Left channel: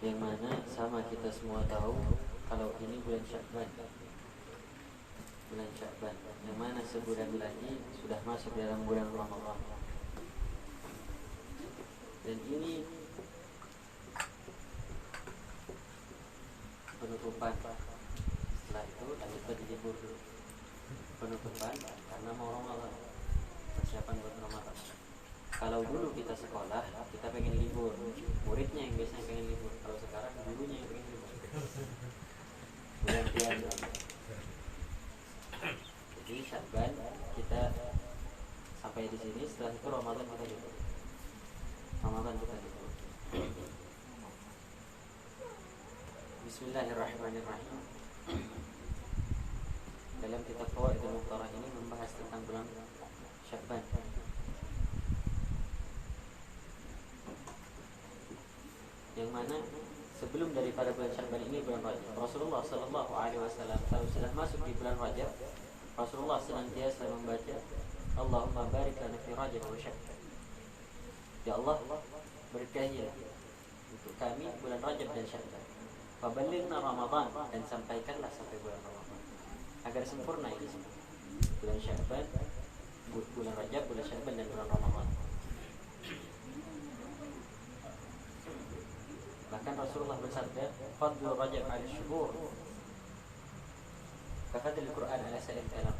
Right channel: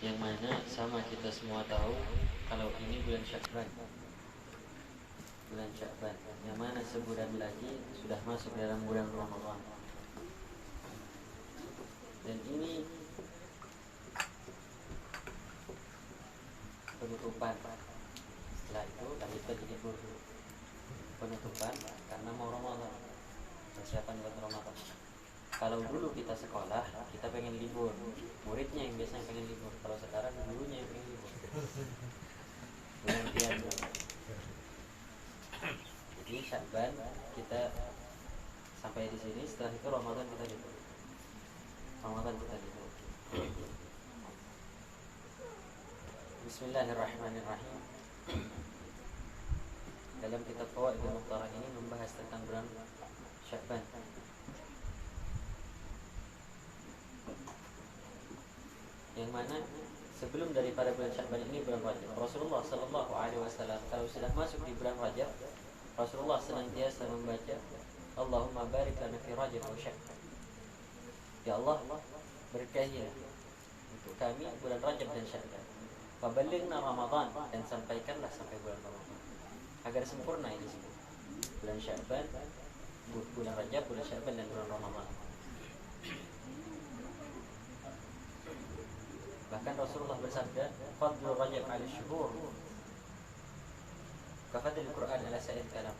yang mana sama kita semua tahu kalau ini bulan Sya'ban. Bulan Sya'ban yang mana sebulan lagi sudah masuk dalam bulan Ramadan. Dan ini penutupan. Setelah itu lanjut lagi libur dulu. Penutupan karena mau Ramadan, persiapan buat Ramadan. Kalau dulu kita sekolah, kita pengen libur, muridnya yang biasanya pengen libur. Kalau sekarang gurunya yang pengen libur. Gantian. Jadi Sya'ban kita sampai di sini. Setelah itu Ramadan kita libur. Bismillahirrahmanirrahim. Dalam kitab Fawaidul Mukhtarah ini membahas tentang bulan Sya'ban. Yang mana sebelum daripada bulan Sya'ban ini bulan Rajab, Rasulullah sallallahu alaihi wasallam kalau sudah masuk di bulan Rajab, Rasulullah senantiasa membaca Allahumma barik lana fi Rajab wa Sya'ban. Ya Allah, berkahilah untuk kami bulan Rajab dan Sya'ban. Wa ballighna Ramadan, dan sampaikanlah sampai bulan Ramadan. Agar sempurna ini semua. Bulan Sya'ban, bulan Rajab, bulan Sya'ban dan bulan Ramadan. Bahkan Rasulullah bersabda, "Fadlul Rajab 'ala syuhur kafadlil Qur'an 'ala sa'ir kalam."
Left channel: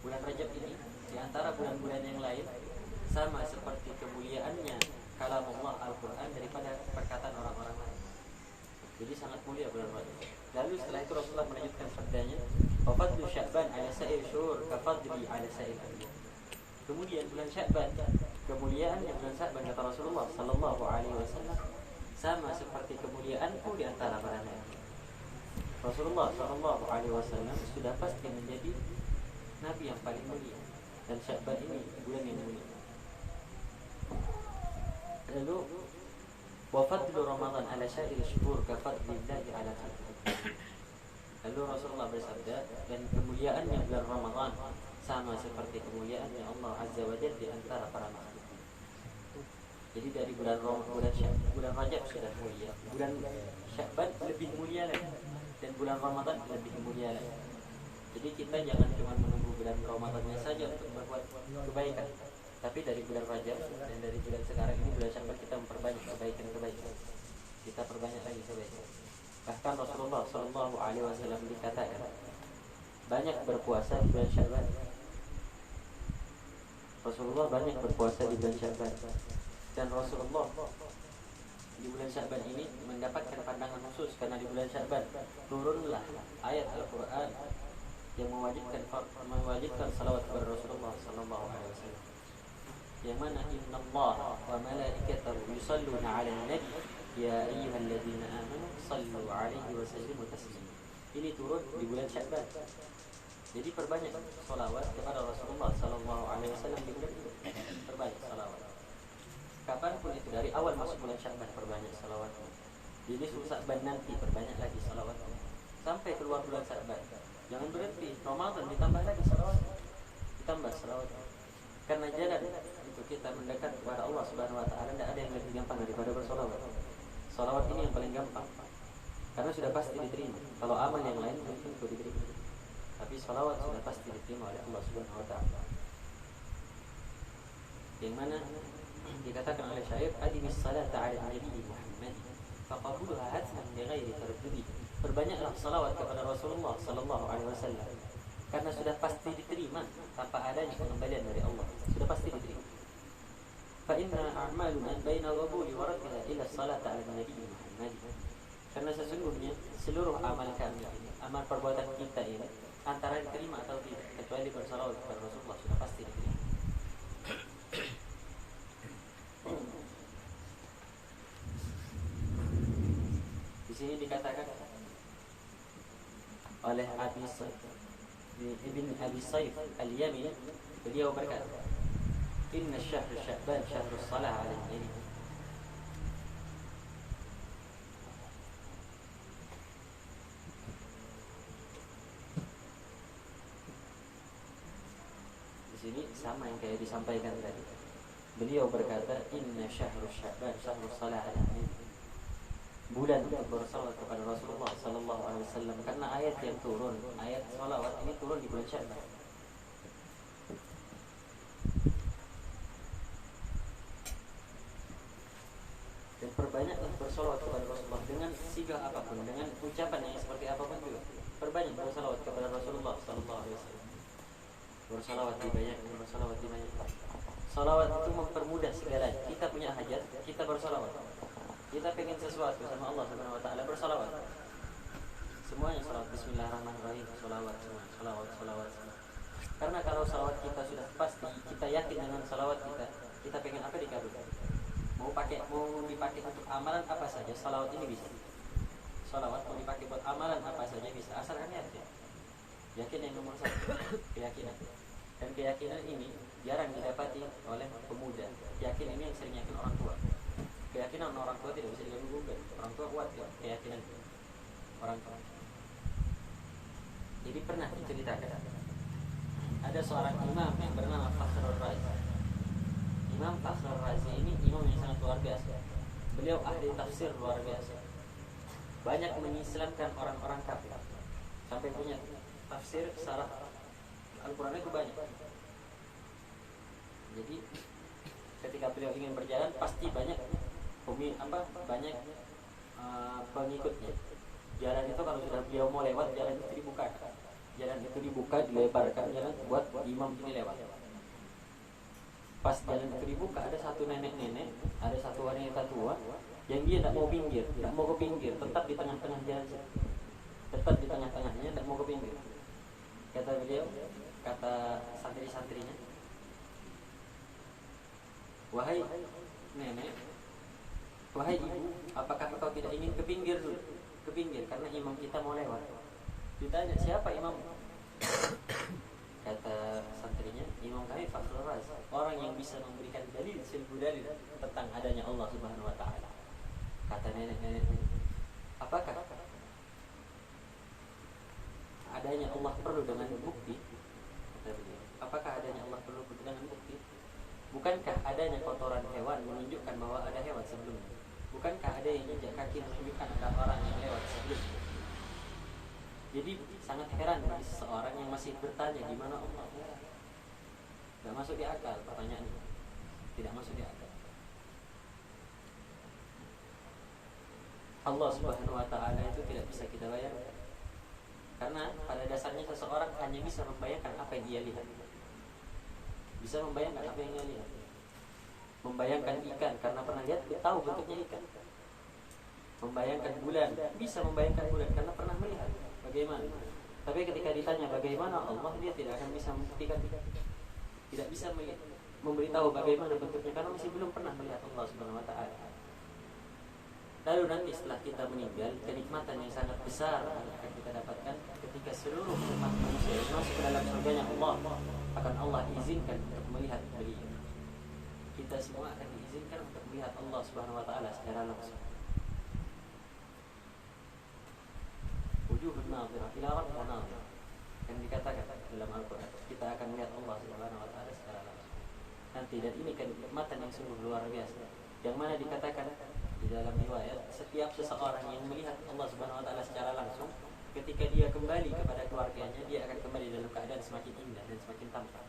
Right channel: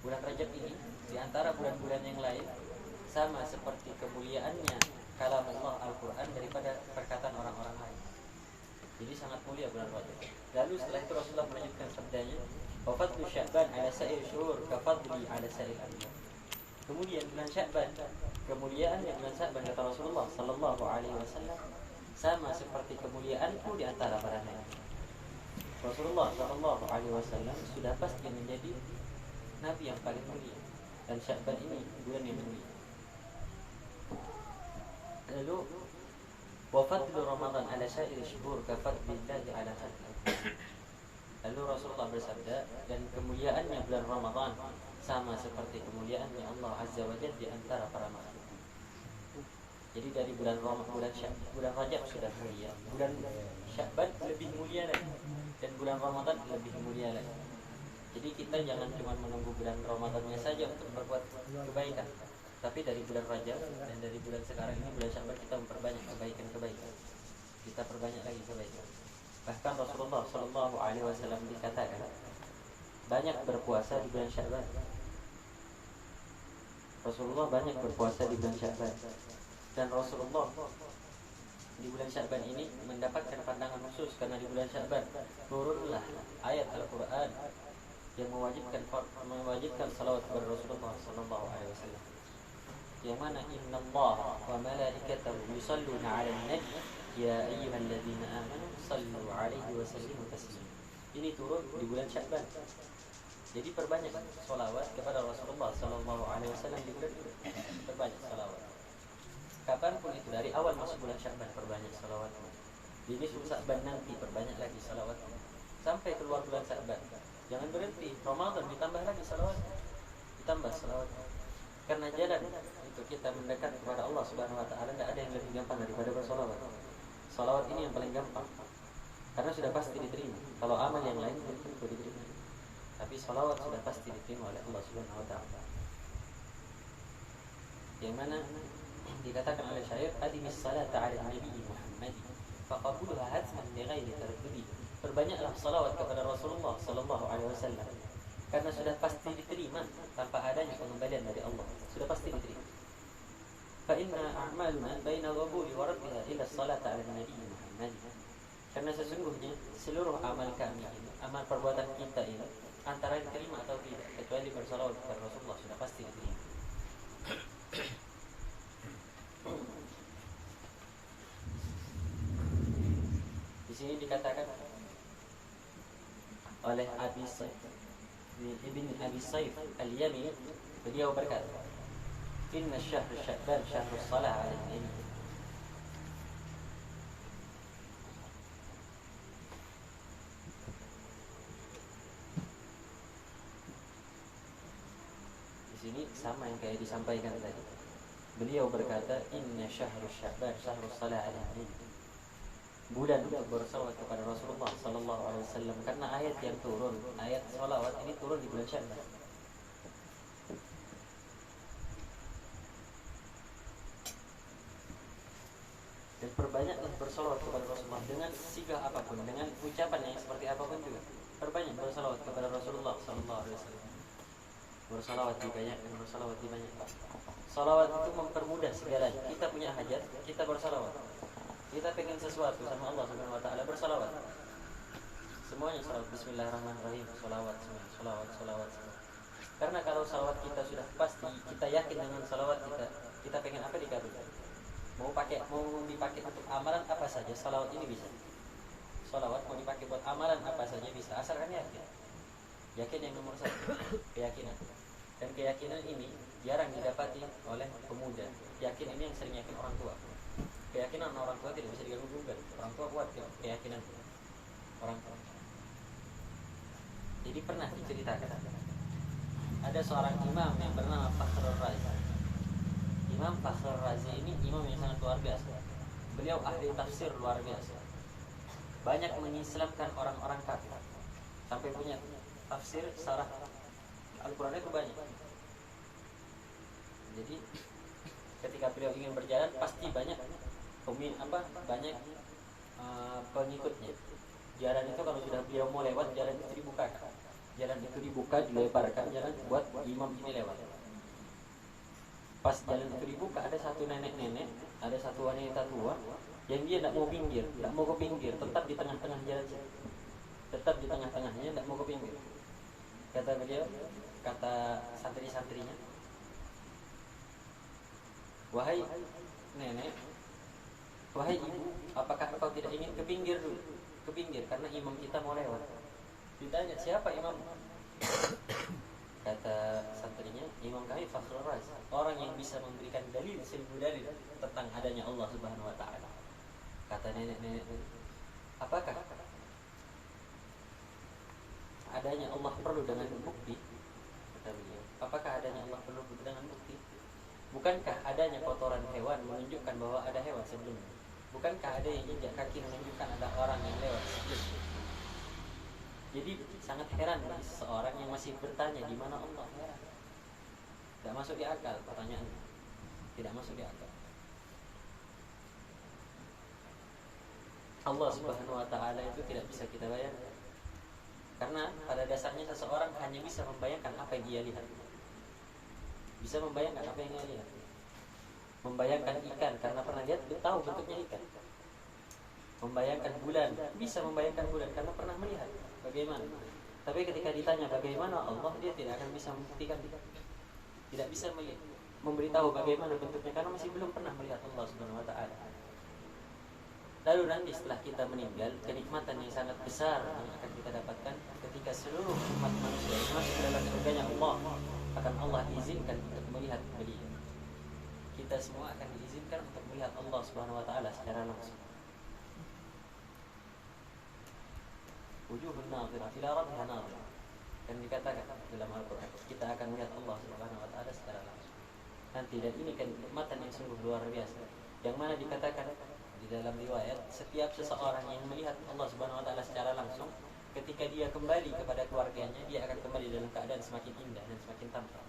Bulan Rajab ini di antara bulan-bulan yang lain sama seperti kemuliaannya kalam Allah Al-Qur'an daripada perkataan orang-orang lain. Jadi sangat mulia bulan Rajab. Lalu setelah itu Rasulullah melanjutkan sabdanya, "Wa fadlu Sya'ban 'ala sa'ir syuhur kafadli 'ala sa'ir anbiya." Kemudian bulan Sya'ban, kemuliaannya bulan Sya'ban kata Rasulullah sallallahu alaihi wasallam sama seperti kemuliaanku di antara para nabi. Rasulullah sallallahu alaihi wasallam sudah pasti menjadi nabi yang paling mulia, dan Sya'ban ini bulan yang mulia. Lalu wa fadlu Ramadan 'ala sa'ir syuhur ka fadlillahi 'ala khalqihi. Lalu Rasulullah bersabda, dan kemuliaannya bulan Ramadan sama seperti kemuliaannya Allah Azza wa Jalla di antara para makhluk. Jadi dari bulan Rajab sudah mulia, bulan Sya'ban lebih mulia lagi, dan bulan Ramadan lebih mulia lagi. Jadi kita jangan cuma menunggu bulan Ramadannya saja untuk berbuat kebaikan, tapi dari bulan Rajab dan dari bulan sekarang ini bulan Sya'ban kita memperbanyak kebaikan. Kita perbanyak lagi kebaikan. Bahkan Rasulullah sallallahu alaihi wasallam dikatakan banyak berpuasa di bulan Sya'ban. Rasulullah banyak berpuasa di bulan Sya'ban. Dan Rasulullah di bulan Sya'ban ini mendapatkan pandangan khusus karena di bulan Sya'ban turunlah ayat Al-Qur'an yang mewajibkan salawat kepada Rasulullah sallallahu alaihi wasallam. Yang mana innallaha wa malaikatahu yusalluna 'alan nabi ya ayyuhalladzina amanu sallu 'alaihi wa sallimu taslima. Ini turun di bulan Sya'ban. Jadi perbanyak salawat kepada Rasulullah sallallahu alaihi wasallam di bulan ini. Perbanyak salawat. Kapanpun itu, dari awal masuk bulan Sya'ban perbanyak salawatnya. Jadi Sya'ban nanti perbanyak lagi salawatnya. Sampai keluar bulan Sya'ban. Jangan berhenti. Ramadan ditambah lagi salawatnya. Ditambah salawatnya. Karena jalan itu kita mendekat kepada Allah Subhanahu wa taala, tidak ada yang lebih gampang daripada bersalawat. Salawat ini yang paling gampang. Karena sudah pasti diterima. Kalau amal yang lain belum tentu diterima. Tapi salawat sudah pasti diterima oleh Allah Subhanahu wa taala. Yang mana dikatakan oleh syair, "Adimis salata 'ala nabi Muhammad faqabulha hatman li ghairi taraddudi." Perbanyaklah salawat kepada Rasulullah sallallahu alaihi wasallam karena sudah pasti diterima tanpa adanya pengembalian dari Allah. Sudah pasti diterima. Fa inna a'maluna baina al-qabuli wa raddiha ila salata 'ala nabi Muhammad. Karena sesungguhnya seluruh amal kami ini, amal perbuatan kita ini antara diterima atau tidak, kecuali bersalawat kepada Rasulullah sudah pasti diterima. Di sini dikatakan oleh Ibn Abi Saif Al-Yamini, beliau berkata, "Inna syahr Sya'ban syahrus salah 'ala nabi." Di sini sama yang kayak disampaikan tadi. Beliau berkata, "Inna syahrus Sya'ban syahrus salah 'ala nabi." bulan untuk bersalawat kepada Rasulullah Sallallahu Alaihi Wasallam, karena ayat yang turun, ayat salawat ini turun di bulan Sya'ban. Dan perbanyaklah bersalawat kepada Rasulullah dengan sigah apapun, dengan ucapan yang seperti apapun juga. Perbanyak bersalawat kepada Rasulullah Sallallahu Alaihi Wasallam. Bersalawat dibanyakan, bersalawat dibanyakan. Salawat itu mempermudah segalanya. Kita punya hajat, kita bersalawat. Kita pengen sesuatu sama Allah Subhanahu Wa Taala, bersalawat. Semuanya salawat. Bismillahirrahmanirrahim. Salawat, salawat, salawat. Karena kalau salawat kita sudah pasti, kita yakin dengan salawat kita, kita pengen apa dikabulkan. Mau dipakai untuk amalan apa saja, salawat ini bisa. Salawat mau dipakai buat amalan apa saja bisa, asalkan yakin. Yakin yang nomor satu, keyakinan. Dan keyakinan ini jarang didapati oleh pemuda. Yakin ini yang sering yakin orang tua. Keyakinan orang tua tidak bisa diganggu-gugat. Orang tua kuat ya, keyakinan orang tua. Jadi pernah diceritakan ada seorang imam yang bernama Fakhrul Razi. Imam Fakhrul Razi ini imam yang sangat luar biasa. Beliau ahli tafsir luar biasa. Banyak mengislamkan orang-orang kafir. Sampai punya tafsir syarah Al-Quran itu banyak. Jadi ketika beliau ingin berjalan pasti banyak pengikutnya. Jalan itu kalau sudah beliau mau lewat, jalan itu dibukakan. Jalan itu dibuka, dilebarkan jalan buat imam ini lewat. Pas jalan itu dibuka, ada satu nenek-nenek, ada satu wanita tua yang dia tidak mau pinggir, tidak mau ke pinggir, tetap di tengah-tengah jalan, tetap di tengah-tengahnya, tidak mau ke pinggir. Kata beliau, kata santri-santrinya, wahai nenek, wahai ibu, apakah engkau tidak ingin ke pinggir dulu? Ke pinggir, karena imam kita mau lewat. Ditanya, siapa imam? Kata santrinya, imam kami Fakhrul Razi, orang yang bisa memberikan dalil, seribu dalil tentang adanya Allah Subhanahu Wa Taala. Kata nenek-nenek, apakah adanya Allah perlu dengan bukti? Kata beliau, apakah adanya Allah perlu dengan bukti? Bukankah adanya kotoran hewan menunjukkan bahwa ada hewan sebelumnya? Bukankah ada yang injak kaki menunjukkan ada orang yang lewat sebelumnya? Jadi sangat heran bagi seseorang yang masih bertanya di mana Allah. Tidak masuk di akal pertanyaan ini. Tidak masuk di akal. Allah Subhanahu Wa Taala itu tidak bisa kita bayangkan. Karena pada dasarnya seseorang hanya bisa membayangkan apa yang dia lihat. Bisa membayangkan apa yang dia lihat. Membayangkan ikan karena pernah lihat, dia tahu bentuknya ikan. Membayangkan bulan, bisa membayangkan bulan karena pernah melihat bagaimana. Tapi ketika ditanya bagaimana Allah, dia tidak akan bisa membuktikan, tidak bisa memberitahu bagaimana bentuknya karena masih belum pernah melihat Allah Subhanahu Wa Taala. Lalu nanti setelah kita meninggal, kenikmatan yang sangat besar yang akan kita dapatkan ketika seluruh umat manusia yang masuk ke dalam surganya Allah, akan Allah izinkan untuk melihat beliau. Kita semua akan diizinkan untuk melihat Allah Subhanahu Wa Taala secara langsung. Wujuhun nadhirah ila rabbiha nadhirah. Kan dikatakan dalam Al-Quran, kita akan melihat Allah Subhanahu Wa Taala secara langsung nanti. Dan ini kan kenikmatan yang sungguh luar biasa, yang mana dikatakan di dalam riwayat, setiap seseorang yang melihat Allah Subhanahu Wa Taala secara langsung, ketika dia kembali kepada keluarganya, dia akan kembali dalam keadaan semakin indah dan semakin tampan.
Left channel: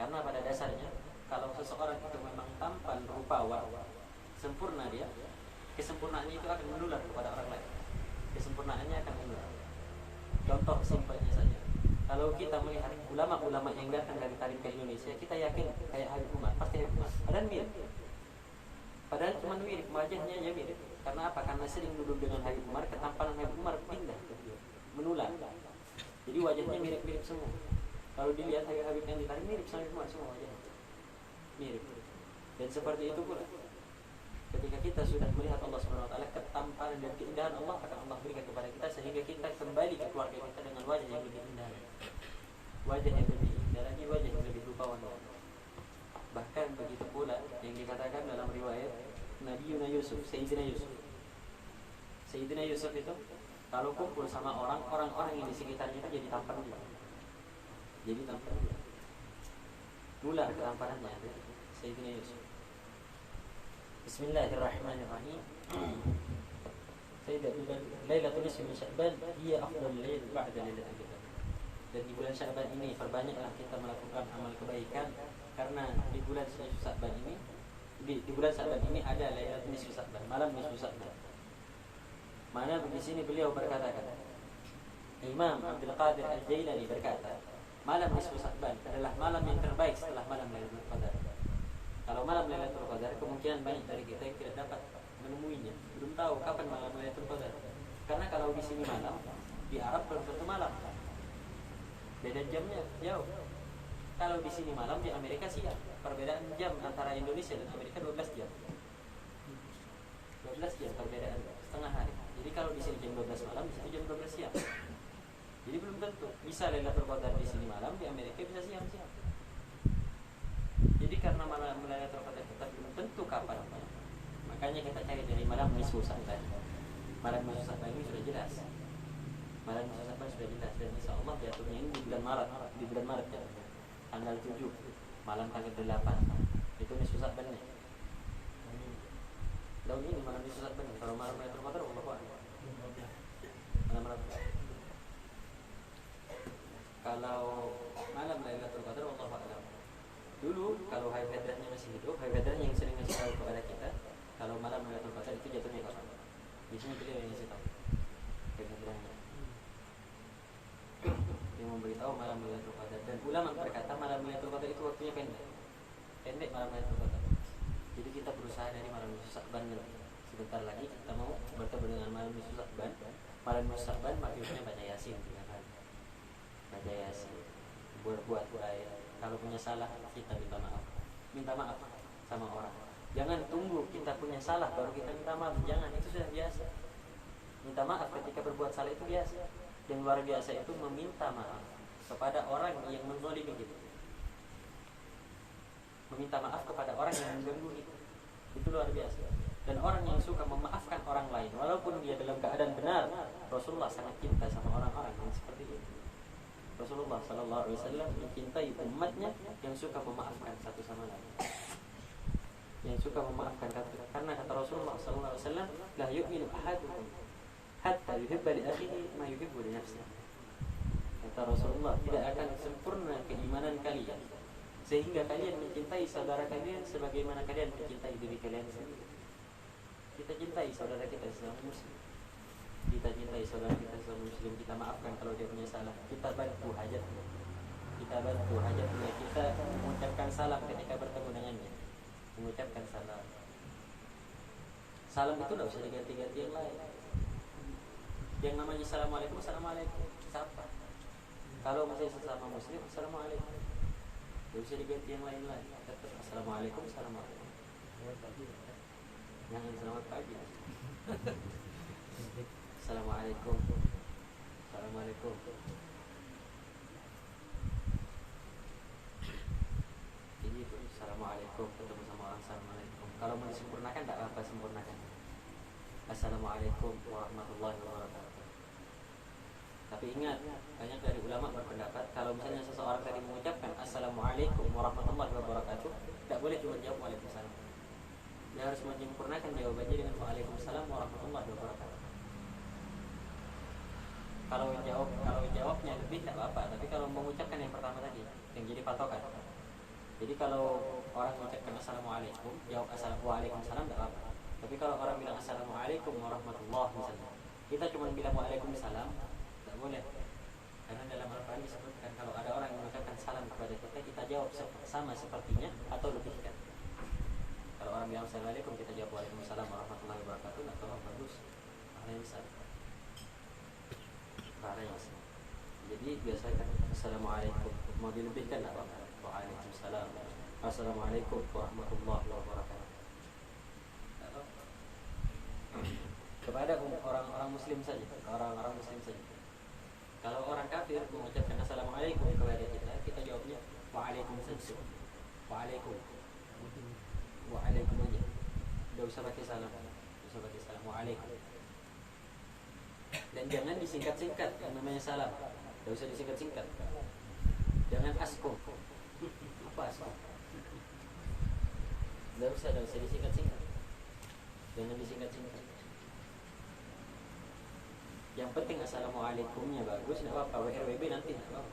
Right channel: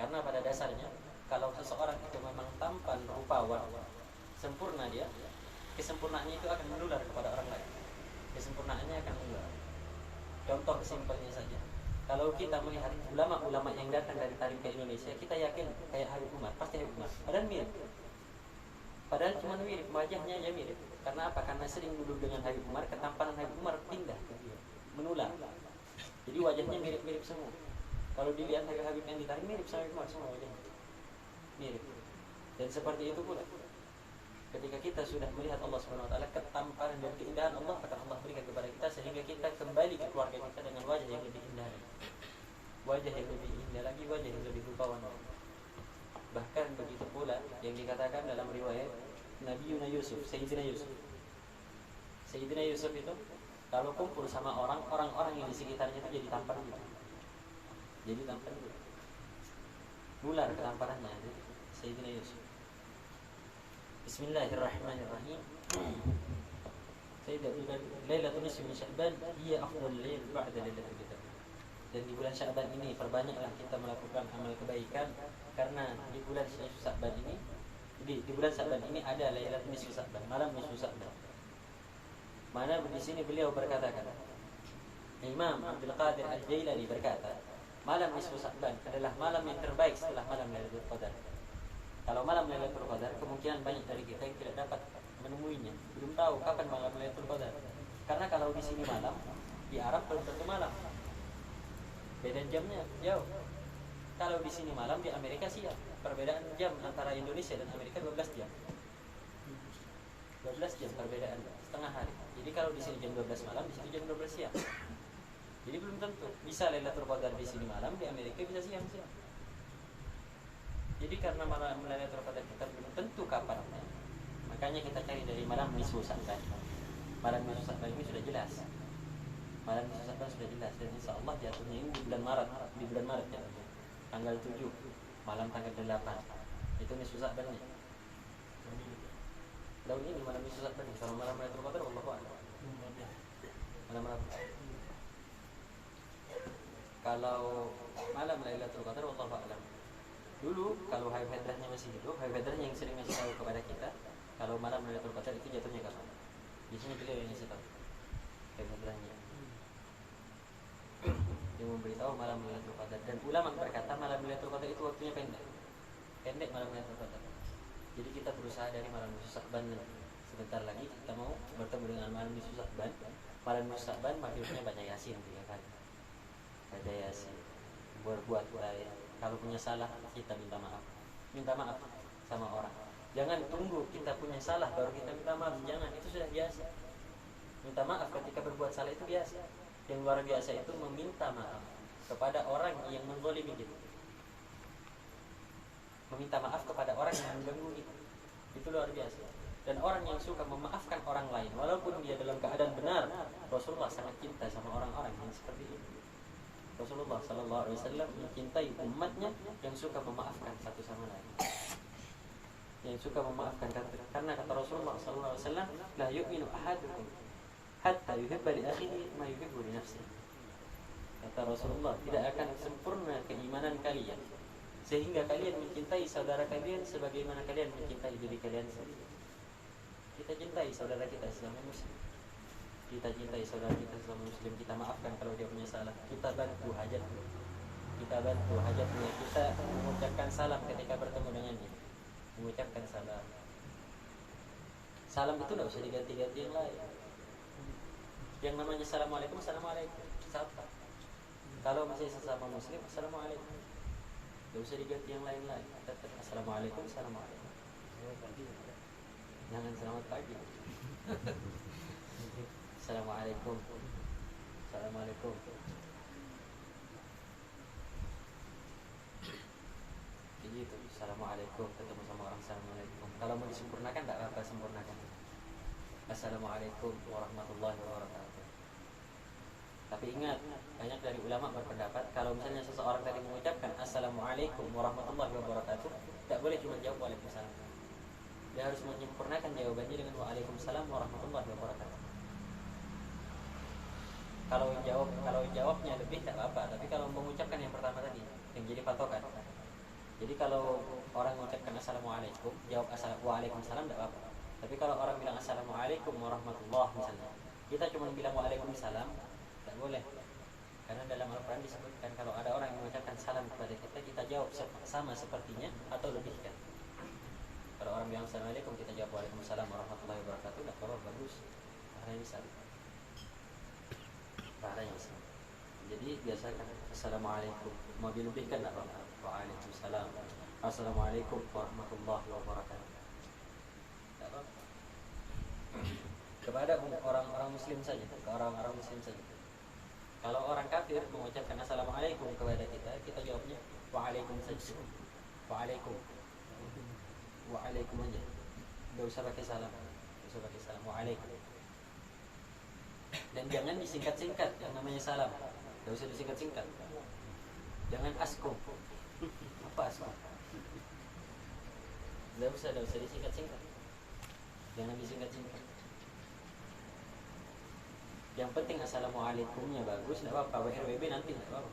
Karena pada dasarnya, kalau seseorang itu memang tampan, rupawan, sempurna dia, kesempurnaannya itu akan menular kepada orang lain. Kesempurnaannya akan menular. Contoh simpelnya saja, kalau kita melihat ulama-ulama yang datang dari Tarim ke Indonesia, kita yakin kayak Habib Umar, pasti Habib Umar. Padahal cuma mirip, wajahnya aja mirip. Karena apa? Karena sering duduk dengan Habib Umar, ketampanan Habib Umar pindah ke dia, menular. Jadi wajahnya mirip-mirip semua. Kalau dilihat Habib yang ditarik mirip sama Habib Umar semua wajahnya. Mirip. Dan seperti itu pula, ketika kita sudah melihat Allah Subhanahu Wa Taala, ketampanan dan keindahan Allah akan Allah berikan kepada kita, sehingga kita kembali ke keluarga kita dengan wajah yang lebih indah lagi, wajah yang lebih indah lagi, wajah yang lebih rupawan lagi. Bahkan begitu pula yang dikatakan dalam riwayat Nabi Yusuf, Sayyidina Yusuf. Sayyidina Yusuf itu kalau kumpul sama orang-orang yang di sekitarnya itu jadi tampan juga. Jadi tampan juga. Mular ketampanannya Sayyidina Yusuf. Bismillahirrahmanirrahim. Lailatul Nisfi min Sya'ban hiya afdalul lail ba'da Lailatul Qadar. Dan di bulan Sya'ban ini perbanyaklah kita melakukan amal kebaikan, karena di bulan Sya'ban ini di bulan Sya'ban ini ada Lailatul Nisfi Sya'ban, malam nisfu Sya'ban. Mana di sini beliau berkatakan, Imam Abdul Qadir Al-Jailani berkata, malam nisfu Sya'ban adalah malam yang terbaik setelah malam Lailatul Qadar. Kalau malam Lailatul Qadar, kemungkinan banyak dari kita yang tidak dapat menemuinya, belum tahu kapan malam Lailatul Qadar. Karena kalau di sini malam, di Arab belum tentu malam, beda jamnya jauh. Kalau di sini malam, di Amerika siang. Perbedaan jam antara Indonesia dan Amerika 12 jam. 12 jam perbedaan, setengah hari. Jadi kalau di sini jam 12 malam, di sini jam 12 siang. Jadi belum tentu bisa Lailatul Qadar di sini malam, di Amerika bisa siang-siang. Jadi karena malam Lailatul Qadar kita belum tentu kapannya, makanya kita cari dari malam nisfu Sya'ban. Malam nisfu Sya'ban ini sudah jelas. Malam nisfu Sya'ban sudah jelas, dan insya Allah jatuhnya ini di bulan Maret, jatuhnya. Tanggal 7, malam tanggal 8. Itu nisfu Sya'bannya. Tahun ini malam nisfu Sya'ban. Kalau malam Lailatul Qadar wallahu a'lam. Malam kalau malam Lailatul Qadar wallahu a'lam. Dulu kalau Habib Hadrahnya masih hidup, Habib Hadrahnya yang sering ngasih tahu kepada kita kalau malam Lailatul Qadar itu jatuhnya kapan. Biasanya beliau yang ngasih tahu, Habib Hadrahnya yang memberitahu malam Lailatul Qadar. Dan ulama berkata malam Lailatul Qadar itu waktunya pendek malam Lailatul Qadar. Jadi kita berusaha dari malam nisfu Sya'ban nanti. Sebentar lagi kita mau bertemu dengan malam nisfu Sya'ban. Malam nisfu Sya'ban maghribnya baca Yasin 3 kali. Baca Yasin, buat baik. Kalau punya salah kita minta maaf sama orang. Jangan tunggu kita punya salah baru kita minta maaf. Jangan, itu sudah biasa. Minta maaf ketika berbuat salah itu biasa. Yang luar biasa itu meminta maaf kepada orang yang menzalimi kita. Meminta maaf kepada orang yang mengganggu kita, itu luar biasa. Dan orang yang suka memaafkan orang lain walaupun dia dalam keadaan benar, Rasulullah sangat cinta sama orang-orang yang seperti itu. Rasulullah sallallahu alaihi wasallam mencintai umatnya yang suka memaafkan satu sama lain. Yang suka memaafkan, karena kata Rasulullah sallallahu alaihi wasallam, la yu'minu ahadukum hatta yuhibba li akhihi ma yuhibbu li nafsihi. Kata Rasulullah, tidak akan sempurna keimanan kalian sehingga kalian mencintai saudara kalian sebagaimana kalian mencintai diri kalian sendiri. Kita cintai saudara kita sesama muslim. Kita cintai saudara kita sesama muslim, kita maafkan kalau dia punya salah, kita bantu hajatnya, kita mengucapkan salam ketika bertemu dengannya, mengucapkan salam. Salam itu tidak usah diganti-ganti yang lain. Yang namanya assalamualaikum, assalamualaikum, sapa. Kalau masih sesama muslim, assalamualaikum, tidak usah diganti yang lain-lain. Tetap assalamualaikum, assalamualaikum. Jangan selamat pagi. Assalamualaikum. Assalamualaikum. Begitu. Assalamualaikum. Ketemu sama orang, assalamualaikum. Kalau mau disempurnakan tidak apa-apa, sempurnakan. Assalamualaikum warahmatullahi wabarakatuh. Tapi ingat, banyak dari ulama berpendapat kalau misalnya seseorang tadi mengucapkan assalamualaikum warahmatullahi wabarakatuh, tidak boleh cuma jawab waalaikumsalam. Dia harus menyempurnakan jawabannya dengan waalaikumsalam warahmatullahi wabarakatuh. Kalau jawabnya lebih tidak apa-apa, tapi kalau mengucapkan yang pertama tadi yang jadi patokan. Jadi kalau orang mengucapkan assalamualaikum, jawab waalaikumsalam tidak apa-apa. Tapi kalau orang bilang assalamualaikum warahmatullahi misalnya, kita cuma bilang waalaikumsalam, tidak boleh. Karena dalam Al-Quran disebutkan kalau ada orang yang mengucapkan salam kepada kita, kita jawab sama sepertinya atau lebihkan. Kalau orang bilang assalamualaikum, kita jawab waalaikumsalam warahmatullahi wabarakatuh, tidak apa-apa, bagus. Pahalanya besar. Pahalanya besar. Jadi biasakan assalamualaikum, mau dilebihkan tidak apa-apa. Waalaikumsalam, assalamualaikum warahmatullahi wabarakatuh. Tidak apa-apa. Kepada orang-orang muslim saja, orang-orang muslim saja. Kalau orang kafir mengucapkan assalamualaikum kepada kita, kita jawabnya waalaikum saja. Waalaikum aja. Tidak usah pakai salam. Waalaikum. Dan jangan disingkat-singkat yang namanya salam. Tidak usah disingkat-singkat. Jangan askum. Apa askum? Tidak usah disingkat-singkat. Jangan disingkat-singkat. Yang penting assalamualaikumnya bagus, tidak apa-apa. WRWB nanti tidak apa-apa.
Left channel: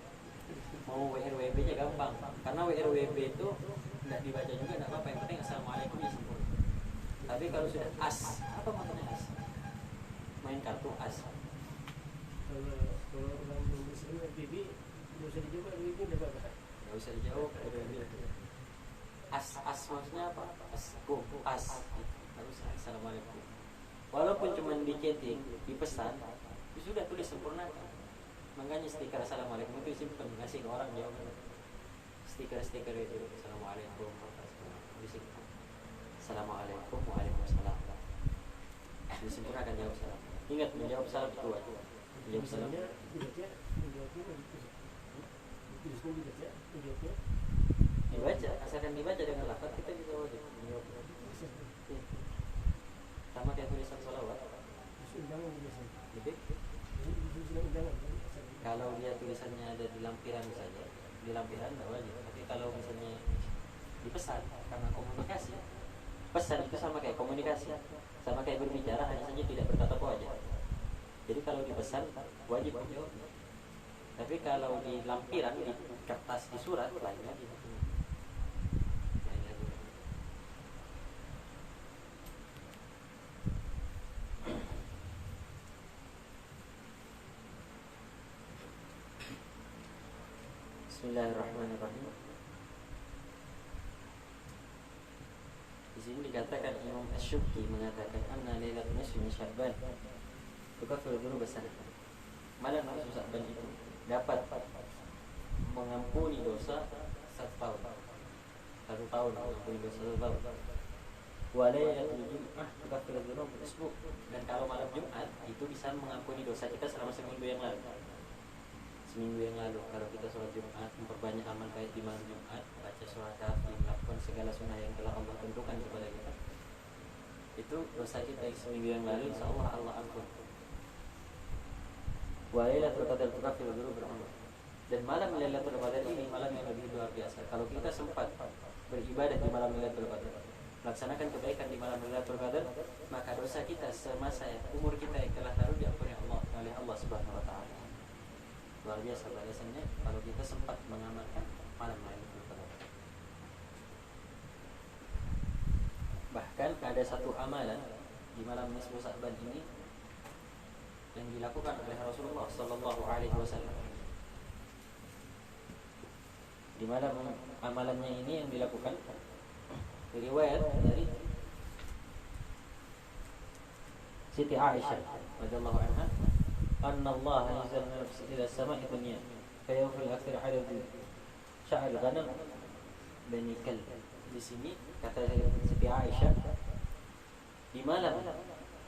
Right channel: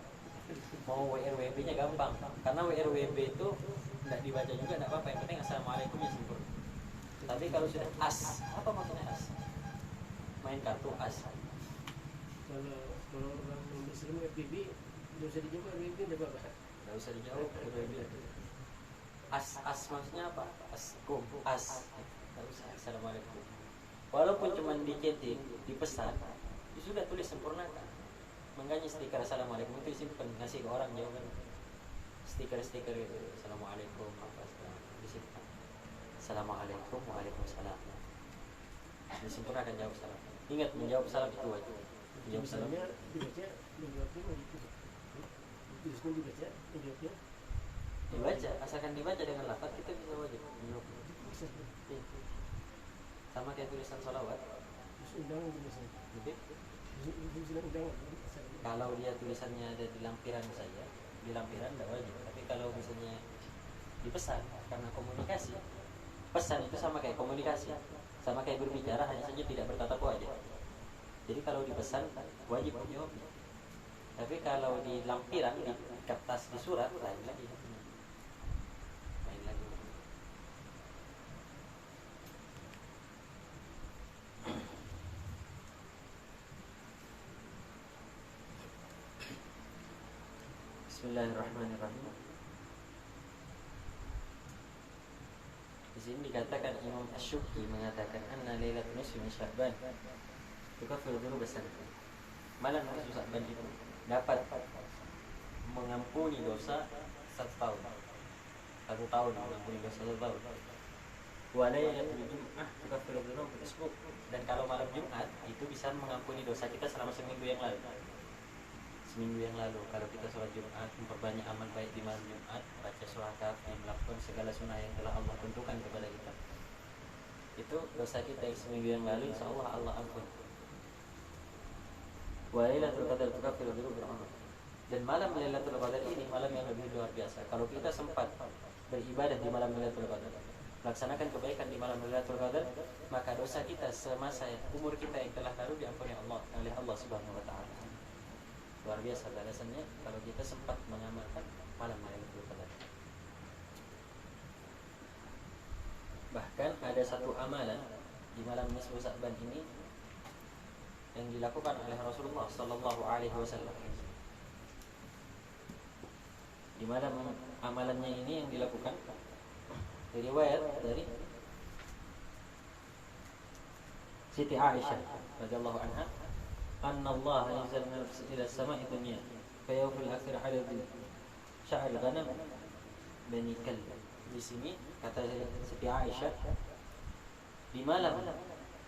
Mau WRWB-nya gampang, karena WRWB itu tidak dibaca juga tidak apa-apa. Yang penting assalamualaikumnya sempurna. Tapi kalau sudah as, apa maksudnya as? Main kartu as. Kalau orang muslim FBB nggak usah dijawab, FBB udah apa? Nggak usah dijawab WRWB. As maksudnya apa? As. Harus assalamualaikum. Walaupun cuma di chatting, di pesan, ya sudah tulis sempurnakan. Makanya stiker assalamualaikum itu simpen, ngasih ke orang jawaban. Stiker itu assalamualaikum apa segala disimpan. Assalamualaikum, waalaikumsalam. Disempurnakan jawab salam. Ingat menjawab salam itu wajib. Menjawab salam. Misalnya dibaca, menjawabnya dituliskan dibaca, menjawabnya Dibaca, asalkan dibaca dengan lafaz kita bisa wajib menjawab. Iya. Sama kayak tulisan sholawat. undangan biasanya. Jadi Undangan. kalau dia tulisannya ada di lampiran saja, di lampiran tidak wajib. Tapi kalau misalnya dipesan karena komunikasi, pesan itu sama kayak komunikasi, sama kayak berbicara, hanya saja tidak bertatap wajah. Jadi kalau dipesan wajib menjawabnya. Tapi kalau di lampiran, di kertas, di surat lain lagi. Lain lagi. Bismillahirrahmanirrahim. Di sini dikatakan Imam Asy-Syuki mengatakan anna lailatul nisfi min Sya'ban tukaffiru dzunuba sanah. Malam nisfu Sya'ban itu dapat mengampuni dosa 1 tahun. 1 tahun mengampuni dosa 1 tahun. Wa lailatul jum'ah tukaffiru dzunuba usbu'. Dan kalau malam Jumat itu bisa mengampuni dosa kita selama seminggu yang lalu. Seminggu yang lalu kalau kita sholat Jumat, memperbanyak amal baik di malam Jumat, baca surah Kahfi, melakukan segala sunnah yang telah Allah tentukan kepada kita, itu dosa kita yang seminggu yang lalu insya Allah Allah ampun. Wa lailatul qadar tukaffiru dzunuba beramal. Dan malam Lailatul Qadar ini malam yang lebih luar biasa. Kalau kita sempat beribadah di malam Lailatul Qadar, melaksanakan kebaikan di malam Lailatul Qadar, maka dosa kita semasa umur kita yang telah lalu diampuni Allah oleh Allah Subhanahu wa taala. Luar biasa balasannya kalau kita sempat mengamalkan malam Lailatul Qadar. Bahkan ada satu amalan di malam nisfu Sya'ban ini yang dilakukan oleh Rasulullah sallallahu alaihi wasallam. Di mana amalannya ini yang dilakukan riwayat dari Siti Aisyah radhiyallahu anha, anna Allah anzala ila as-sama'i dunya fa yawfil akhir adad sya'r ghanam bani Kalb. Di sini kata Siti Aisyah, di malam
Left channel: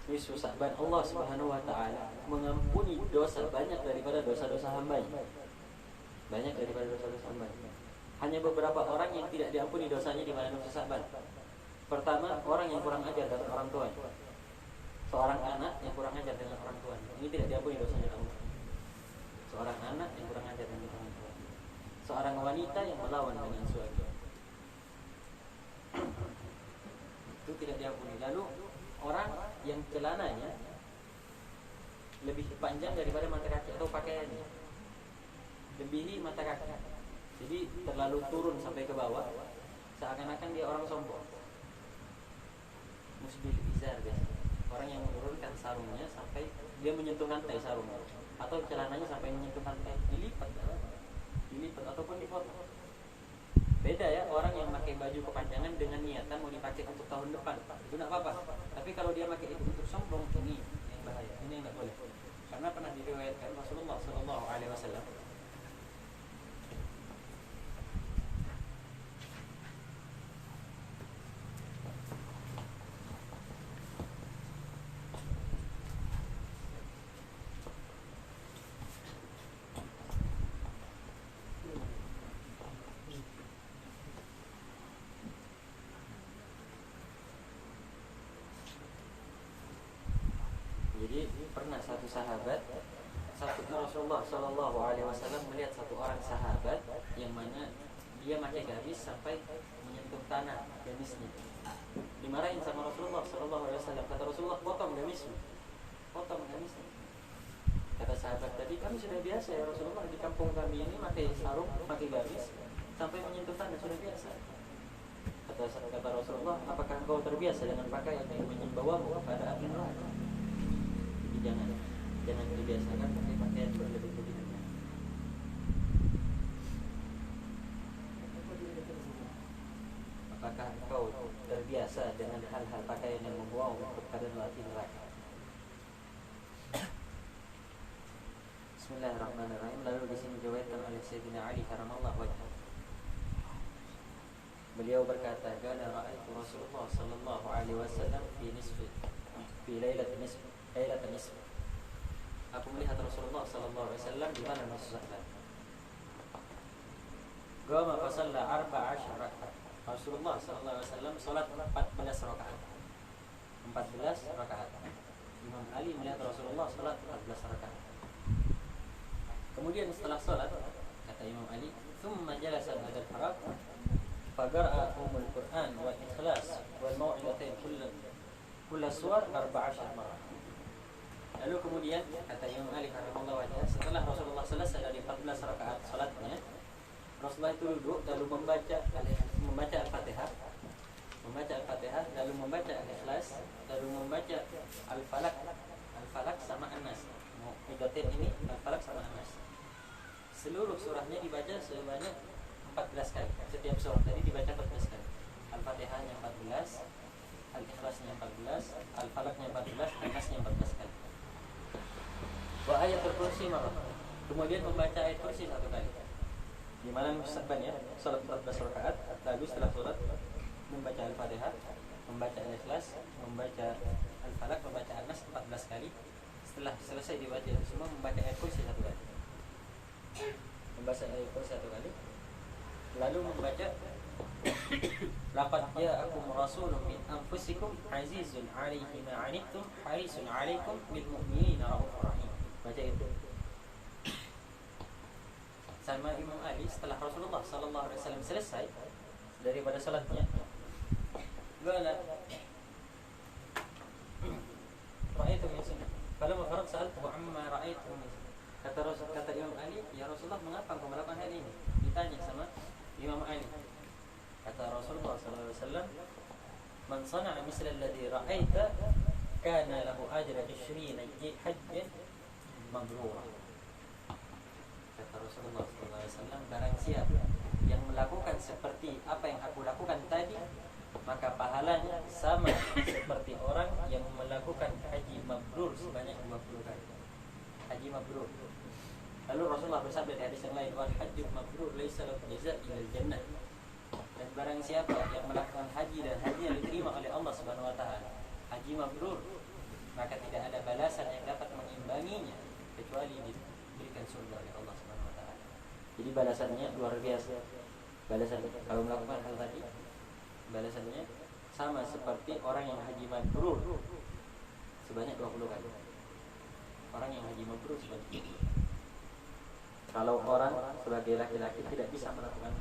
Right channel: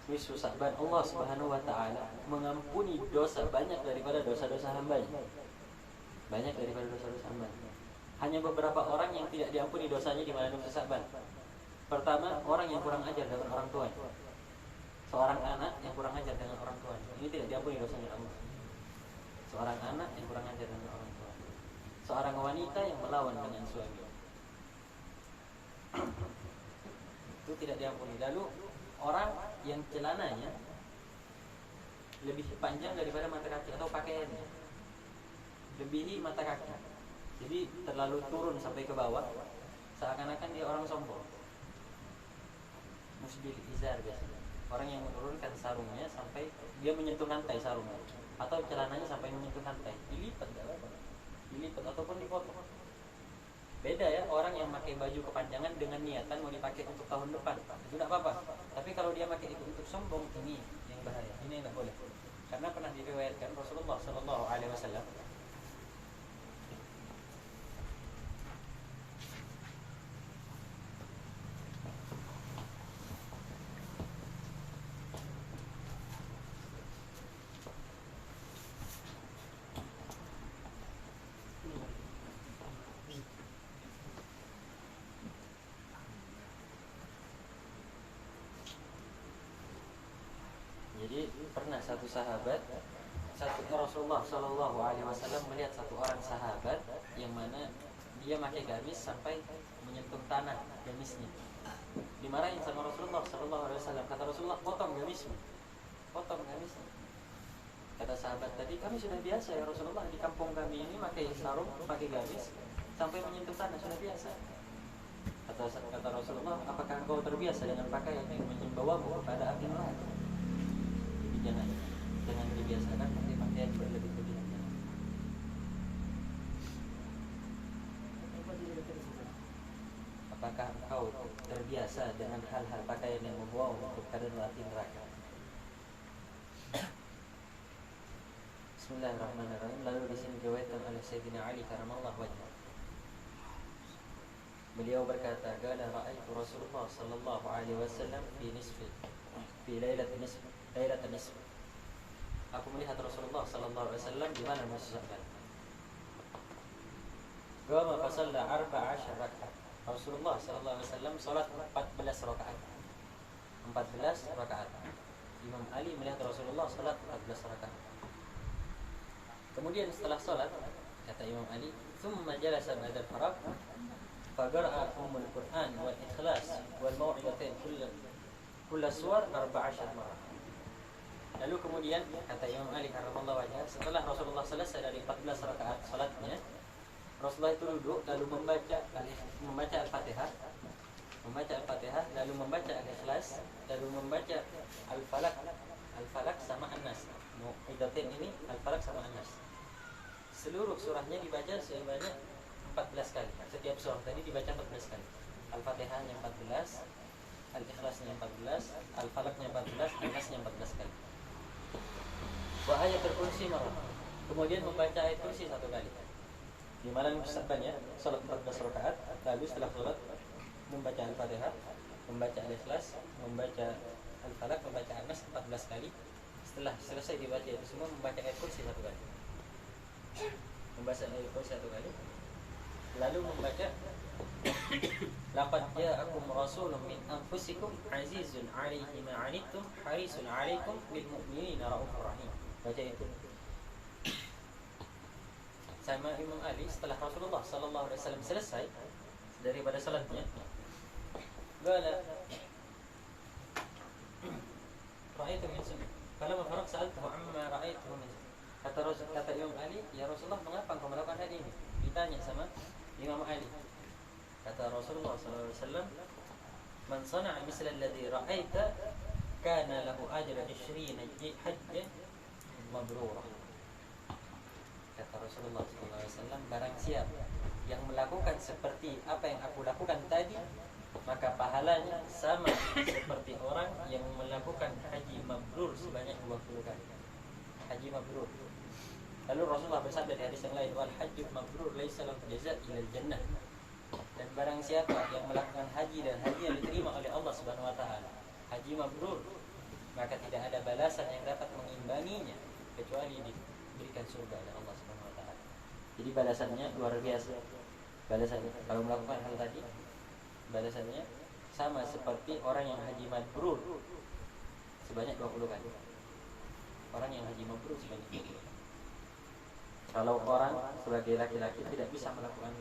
nisfu Sya'ban Allah Subhanahu wa taala mengampuni dosa banyak daripada dosa-dosa hamba-Nya. Banyak daripada dosa-dosa hamba-Nya. Hanya beberapa orang yang tidak diampuni dosanya di malam nisfu Sya'ban. Pertama, orang yang kurang ajar dengan orang tuanya. Seorang anak yang kurang ajar dengan orang tuanya, ini tidak diampuni dosanya Allah. Seorang anak yang kurang ajar dengan orang tuanya. Seorang wanita yang melawan dengan suami, itu tidak diampuni. Lalu orang yang celananya lebih panjang daripada mata kaki atau pakaiannya lebihi mata kaki, jadi terlalu turun sampai ke bawah, seakan-akan dia orang sombong. Musbil izar biasanya, orang yang menurunkan sarungnya sampai dia menyentuh lantai sarungnya, atau celananya sampai menyentuh lantai, dilipat ataupun dipotong. Beda ya, orang yang pakai baju kepanjangan dengan niatan mau dipakai untuk tahun depan, itu tidak apa-apa. Tapi kalau dia pakai itu untuk sombong, ini yang bahaya, ini yang tidak boleh. Karena pernah diriwayatkan Rasulullah Sallallahu Alaihi Wasallam pernah satu sahabat, Rasulullah Sallallahu Alaihi Wasallam melihat satu orang sahabat yang mana dia pakai gamis sampai menyentuh tanah gamisnya. Dimarahin sama Rasulullah Sallallahu Alaihi Wasallam. Kata Rasulullah, potong gamisnya, potong gamisnya. sahabat tadi, kami sudah biasa ya Rasulullah, di kampung kami ini pakai sarung, pakai gamis sampai menyentuh tanah, sudah biasa. Kata Rasulullah, apakah engkau terbiasa dengan pakaian yang membawamu kepada api neraka? Jadi jangan dibiasakan pakai pakaian berlebih-lebihan. Apakah engkau terbiasa dengan hal-hal pakaian yang membawamu kepada api neraka? Bismillahirrahmanirrahim. Lalu di sini diriwayatkan oleh Sayyidina Ali karamallahu wajhah. Beliau berkata, "Qala ra'aitu Rasulullah sallallahu alaihi wasallam fi lailatin nisf." Aku melihat Rasulullah sallallahu alaihi wasallam di malam nisfu Sya'ban. Qama fa shalla 14 rakaat. Rasulullah sallallahu alaihi wasallam salat 14 rakaat. 14 rakaat. Imam Ali melihat Rasulullah salat 14 rakaat. Kemudian setelah salat, kata Imam Ali, "Tsumma jalasa ba'da al-faraq faqara'a ummul Qur'an wal ikhlas wal mau'izatain kull suwar 14 marrah." Lalu kemudian kata Imam Ali karamallahu wajhah, setelah Rasulullah selesai dari 14 rakaat salatnya, Rasulullah itu duduk lalu membaca Al-Fatihah, lalu membaca Al-Ikhlas, lalu membaca Al-Falaq sama An-Nas. Mu'idzatain ini Al-Falaq sama An-Nas. Seluruh surahnya dibaca sebanyak 14 kali. Setiap surah tadi dibaca 14 kali. Al-Fatihahnya 14, Al-Ikhlasnya 14, Al-Falaqnya 14, An-Nasnya 14 kali. Wa ayatul kursi marrah. Kemudian membaca ayat kursi 1 kali. Di malam Sya'ban ya, salat 14 rakaat, lalu setelah salat membaca Al-Fatihah, membaca Al-Ikhlas, membaca Al-Falaq, membaca An-Nas 14 kali. Setelah selesai dibaca itu semua, membaca ayat kursi 1 kali. Membaca ayat kursi 1 kali. Lalu membaca laqad ja'akum rasulun min anfusikum azizun 'alaihi ma 'anittum harisun 'alaikum bil mu'minina raufur rahim. Baca itu. Sama Imam Ali setelah Rasulullah sallallahu alaihi wasallam selesai daripada salatnya, qala ra'aitu min sunnah. Falamma faraq sa'altu amma ra'aitu min. Kata Imam Ali, "Ya Rasulullah, mengapa engkau melakukan hal ini?" Ditanya sama Imam Ali. Kata Rasulullah sallallahu alaihi wasallam, "Man sana'a misla alladhi ra'aita kana lahu ajru 20 hajjan mabrurah." Kata Rasulullah sallallahu alaihi wasallam, barang siapa yang melakukan seperti apa yang aku lakukan tadi, maka pahalanya sama seperti orang yang melakukan haji mabrur sebanyak 20 kali. Haji mabrur. Lalu Rasulullah bersabda di hadis yang lain, "Wal hajju mabrur laisa lahu jazaa illa jannah." Dan barang siapa yang melakukan haji dan haji yang diterima oleh Allah Subhanahu wa taala, haji mabrur, maka tidak ada balasan yang dapat mengimbanginya kecuali diberikan surga oleh Allah Subhanahu wa taala. Jadi balasannya luar biasa. Balasannya kalau melakukan hal tadi, balasannya sama seperti orang yang haji mabrur sebanyak 20 kali. Orang yang haji mabrur sebanyak 20 kali. Kalau orang sebagai laki-laki tidak bisa melakukan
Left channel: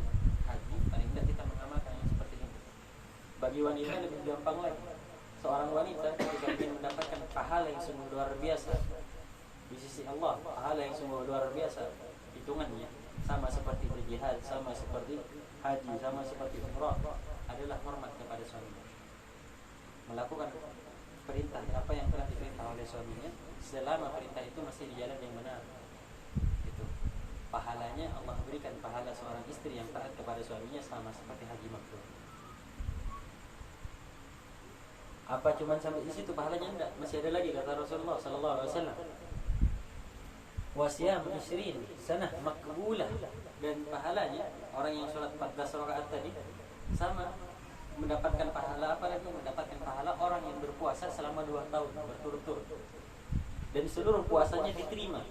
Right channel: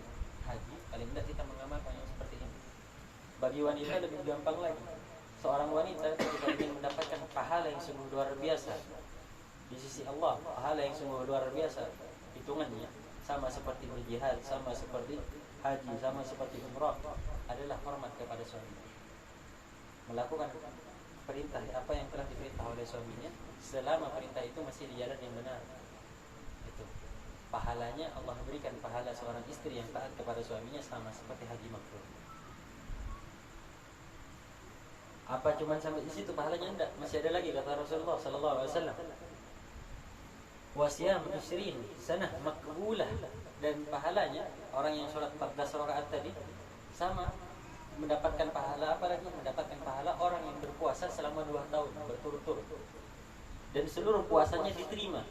haji, paling tidak kita mengamalkan yang seperti ini. Bagi wanita lebih gampang lagi. Seorang wanita jika ingin mendapatkan pahala yang sungguh luar biasa di sisi Allah, pahala yang sungguh luar biasa, hitungannya sama seperti berjihad, sama seperti haji, sama seperti umrah, adalah hormat kepada suaminya. Melakukan perintah apa yang telah diperintah oleh suaminya, selama perintah itu masih di jalan yang benar. Itu pahalanya Allah berikan pahala seorang istri yang taat kepada suaminya sama seperti haji mabrur. Apa cuma sampai di situ pahalanya? Enggak, masih ada lagi kata Rasulullah sallallahu alaihi wasallam. Wasiyam 20 sanah makbulah, dan pahalanya orang yang sholat 14 rakaat tadi sama mendapatkan pahala apa lagi? Mendapatkan pahala orang yang berpuasa selama 2 tahun berturut-turut dan seluruh puasanya diterima.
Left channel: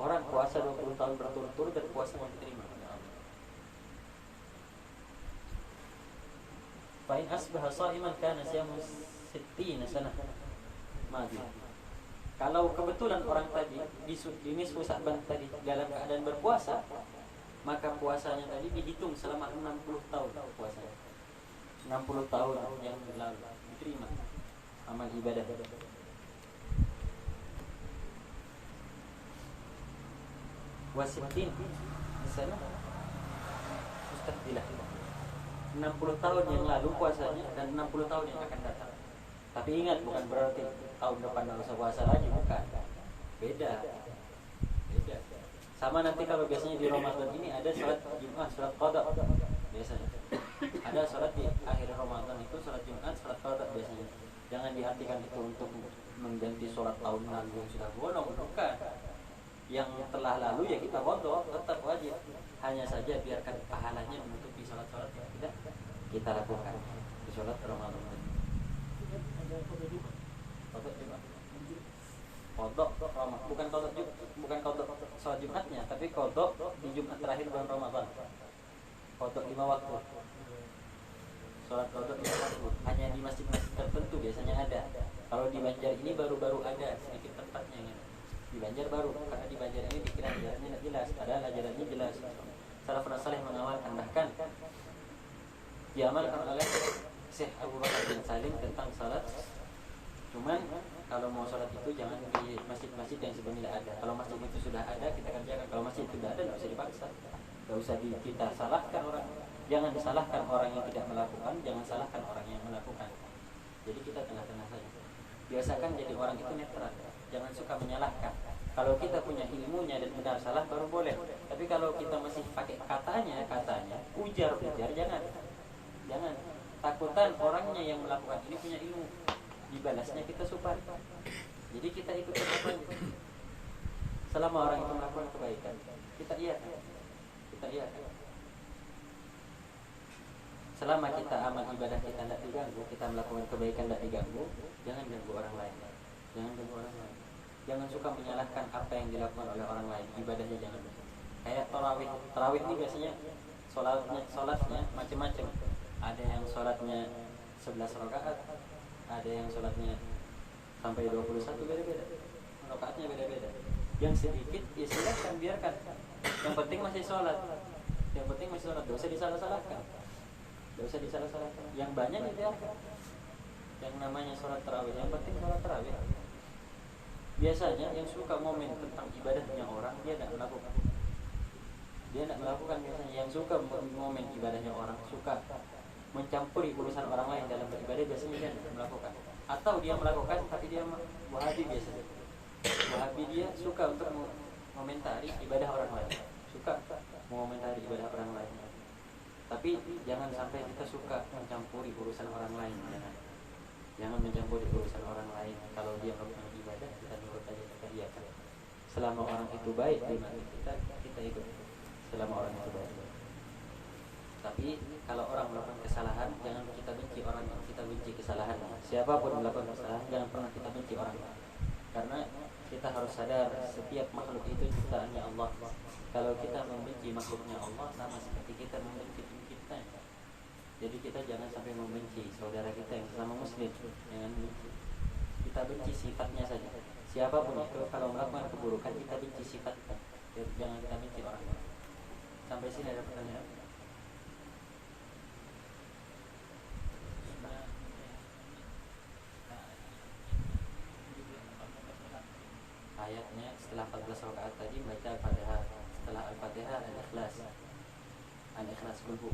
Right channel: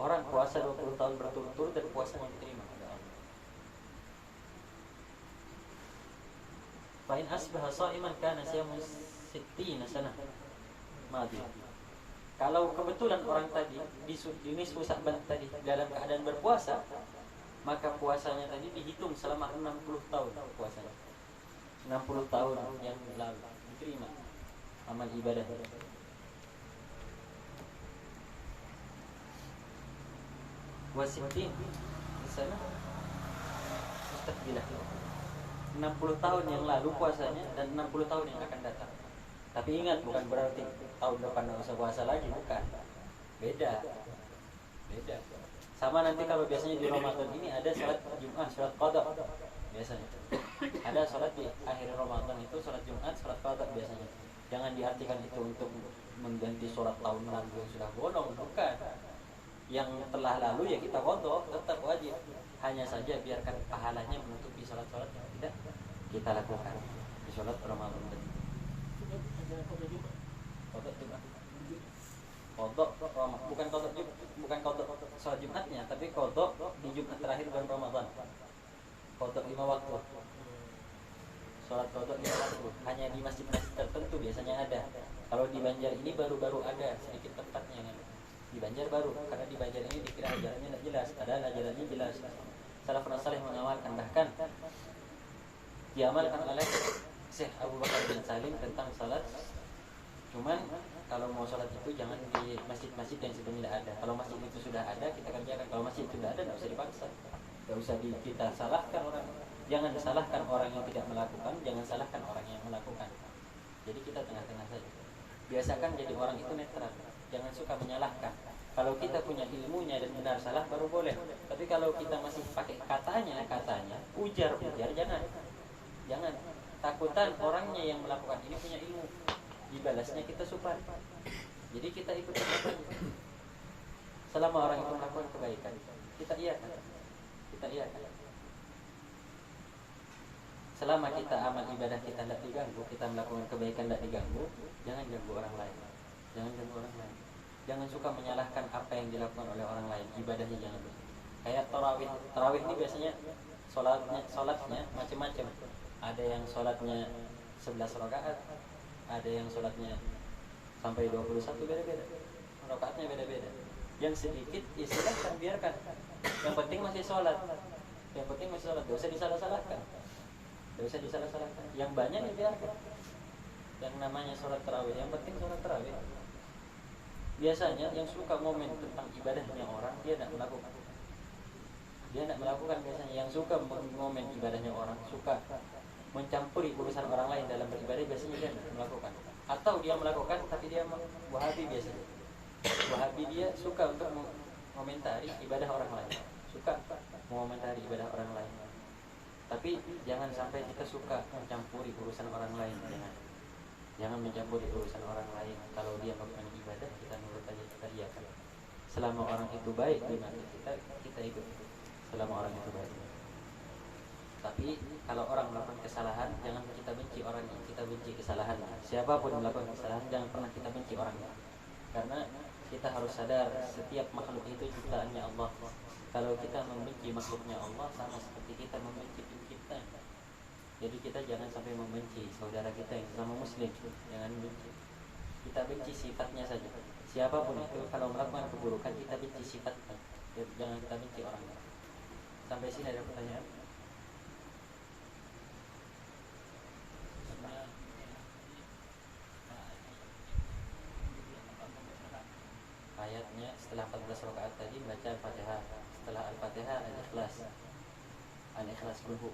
Orang puasa 20 tahun berturut-turut dan puasanya diterima oleh Allah. Fa in asbaha sha'iman kana siyamu 60 sanah madiyah. Kalau kebetulan orang tadi di nisfu Sya'ban tadi dalam keadaan berpuasa, maka puasanya tadi dihitung selama 60 tahun puasanya. 60 tahun yang lalu diterima amal ibadah. Wasitin di sana Ustaz bilang 60 tahun yang lalu puasanya dan 60 tahun yang akan datang. Tapi ingat, bukan berarti tahun depan nggak usah puasa lagi, bukan. Beda. Sama nanti kalau biasanya di Ramadan ini ada sholat Jumat, sholat qada biasanya. Ada sholat di akhir Ramadan itu sholat Jumat, sholat qada biasanya. Jangan diartikan itu untuk mengganti sholat tahun lalu yang sudah bolong, bukan. Yang telah lalu ya kita qada, tetap wajib. Hanya saja biarkan pahalanya menutupi sholat-sholat yang tidak kita lakukan di sholat Ramadan tadi. Ada pada Jumat. Qada Jumat. Qada Ramadan, bukan qada sholat Jumatnya, tapi qada di Jumat terakhir bulan Ramadan. Qada 5 waktu. Sholat qada 5 waktu hanya di masjid-masjid tertentu biasanya ada. Kalau di Banjar ini baru-baru ada sedikit tempatnya ya. Di Banjar baru, karena di Banjar ini dikira ajarannya tidak jelas, padahal ajarannya jelas. Salafun saleh mengamalkan, bahkan diamalkan oleh Syekh Abu Bakar bin Salim tentang salat. Cuman kalau mau sholat itu jangan di masjid-masjid yang sebelumnya ada. Kalau masjid itu sudah ada, kita kerjakan. Kalau masjid itu tidak ada, tidak usah dipaksa. Tidak usah kita salahkan orang. Jangan disalahkan orang yang tidak melakukan, jangan salahkan orang yang melakukan. Jadi kita tengah-tengah saja. Biasakan jadi orang itu netral. Jangan suka menyalahkan. Kalau kita punya ilmunya dan benar salah baru boleh. Tapi kalau kita masih pakai katanya, ujar, jangan. Takutan orangnya yang melakukan ini punya ilmu, dibalasnya kita supan. Jadi kita ikut saja. Selama orang itu melakukan kebaikan, kita iyakan. Selama kita amal ibadah kita tidak diganggu, kita melakukan kebaikan tidak diganggu, jangan ganggu orang lain. Jangan suka menyalahkan apa yang dilakukan oleh orang lain. Ibadahnya jangan begitu. Kayak tarawih ini biasanya sholatnya macam-macam. Ada yang sholatnya 11 rakaat, ada yang sholatnya sampai 21, beda-beda. Rakaatnya beda-beda. Yang sedikit ya silahkan, biarkan. Yang penting masih sholat. Tidak usah disalah-salahkan. Yang banyak dibiarkan. Yang namanya sholat tarawih, yang penting sholat tarawih. Biasanya yang suka momen tentang ibadahnya orang, dia tidak melakukan biasanya. Yang suka momen ibadahnya orang, suka mencampuri urusan orang lain dalam beribadah, biasanya dia tidak melakukan. Atau dia melakukan tapi dia Wahabi biasanya. Wahabi dia suka untuk mengomentari ibadah orang lain, suka mengomentari ibadah orang lain. Tapi jangan sampai kita suka mencampuri urusan orang lain. Jangan mencampuri urusan orang lain. Kalau dia melakukan ibadah, kita nurut aja, kita iyakan. Selama orang itu baik di mata kita ikut. Selama orang itu baik. Tapi kalau orang melakukan kesalahan, jangan kita benci orang yang kita benci kesalahan. Siapapun melakukan kesalahan, jangan pernah kita benci orangnya. Karena kita harus sadar setiap makhluk itu ciptaannya Allah. Kalau kita membenci makhluknya Allah, sama seperti kita membenci penciptanya. Jadi kita jangan sampai membenci saudara kita yang sesama muslim. Jangan benci. Kita benci sifatnya saja. Siapapun itu, kalau melakukan keburukan, kita benci sifatnya. Jangan kita benci orangnya. Sampai sini ada pertanyaan? Ayatnya setelah 14 rakaat tadi baca Al-Fatihah. Setelah Al-Fatihah Al-Ikhlas kulhu.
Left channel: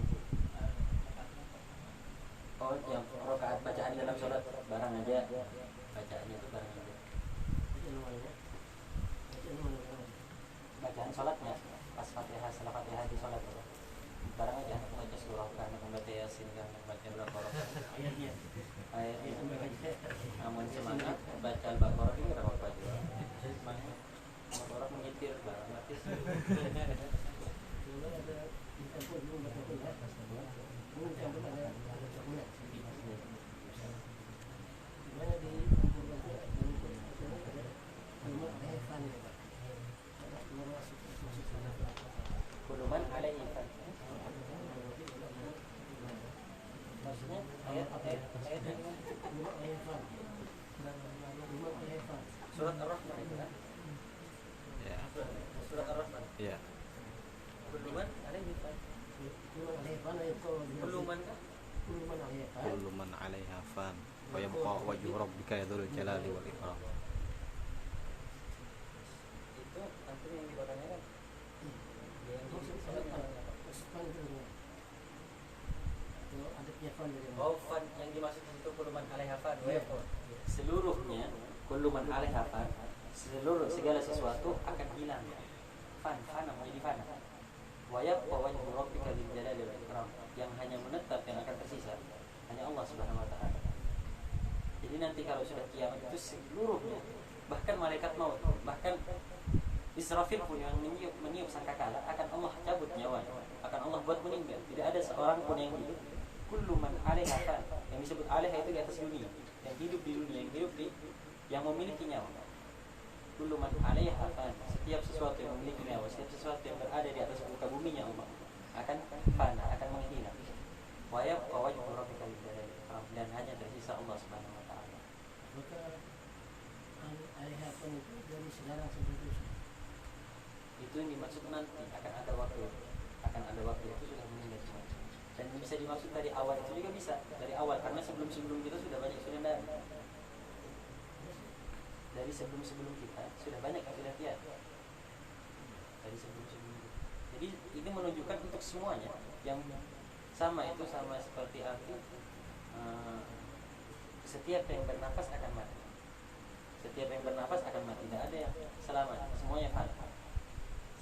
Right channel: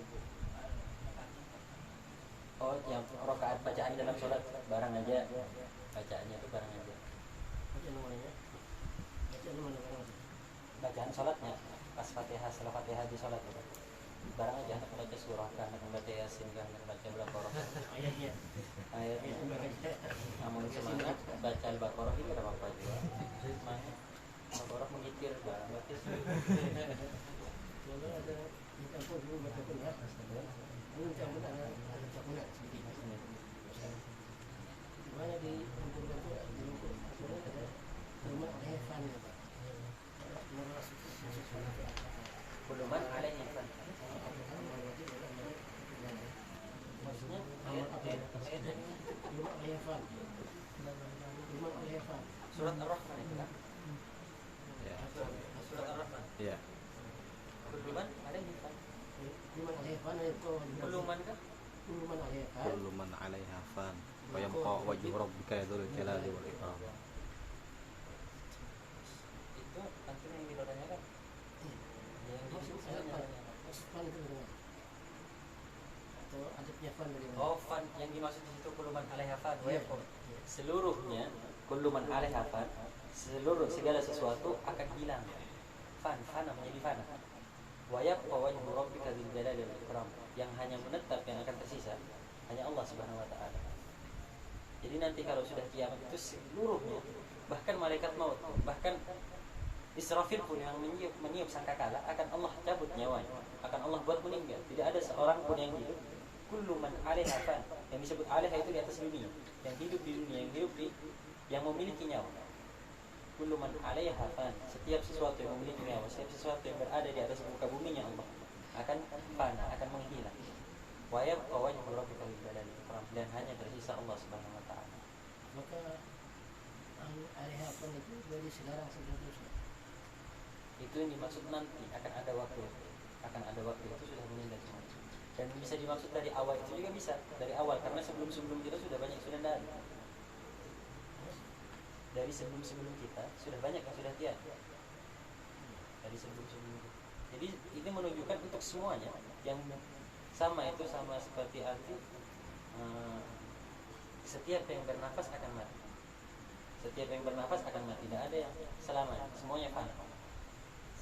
Oh, yang rakaat bacaan dalam sholat barang aja. Bacaannya itu barang aja. Bacaan sholatnya pas Fatihah, setelah Fatihah di sholat ya. Barang aja, baca surah kan, baca Yasin kan, baca Al-Baqarah. Ayatnya. Namun semangat baca Al-Baqarah ini berapa apa juga. Semangat Al-Baqarah mengitir barang berarti. Kalau ada ampun dulu baca Quran, mungkin ada campur mana di rumah Evan ya Pak. Kuluman alaihi fan. Maksudnya ayat rumah Evan. Rumah Evan. surat Ar-Rahman itu kan? Ya. Surat Ar-Rahman. Iya. Kuluman alaihi fan. Rumah Evan itu Kuluman kan? rumah Evan. Kullu man 'alaiha fan wa yabqa wajhu rabbika dzul jalali wal ikram. Itu artinya yang dipertanyakan Fan itu bagaimana? Atau ada punya fan bagaimana? Oh, fan yang dimaksud itu kuluman alaiha fan wa Iya. yabqa. Seluruhnya kuluman alaiha fan, seluruh segala sesuatu akan hilang. Fana menjadi fana. Wa yabqa wajhu rabbika dzil jalali wal ikram. Yang hanya menetap, yang akan tersisa hanya Allah Subhanahu wa taala. Jadi nanti kalau sudah kiamat itu seluruhnya, bahkan malaikat maut, bahkan Israfil pun yang meniup sangkakala akan Allah cabut nyawanya, akan Allah buat meninggal. Tidak ada seorang pun yang hidup. Kullu man 'alaiha fan. Yang disebut 'alaiha itu di atas dunia, yang hidup di dunia, yang hidup di yang memiliki nyawa. Kullu man 'alaiha fan. Setiap sesuatu yang memiliki nyawa, setiap sesuatu yang berada di atas muka buminya Allah akan fana, akan menghilang. Wa yabqa wajhu rabbika dzil jalali wal ikram. Dan hanya tersisa Allah Subhanahu wa taala. Maka alaiha fan itu dari sekarang sampai terusnya. Itu yang dimaksud nanti akan ada waktu itu sudah meninggal semua. Dan bisa dimaksud dari awal itu juga bisa dari awal, karena sebelum kita sudah banyak sudah tidak ada. Dari sebelum kita sudah banyak yang sudah tiada. Dari sebelum kita. Jadi ini menunjukkan untuk semuanya yang sama seperti arti setiap yang bernafas akan mati. Setiap yang bernafas akan mati. Tidak ada yang selamanya. Semuanya fana.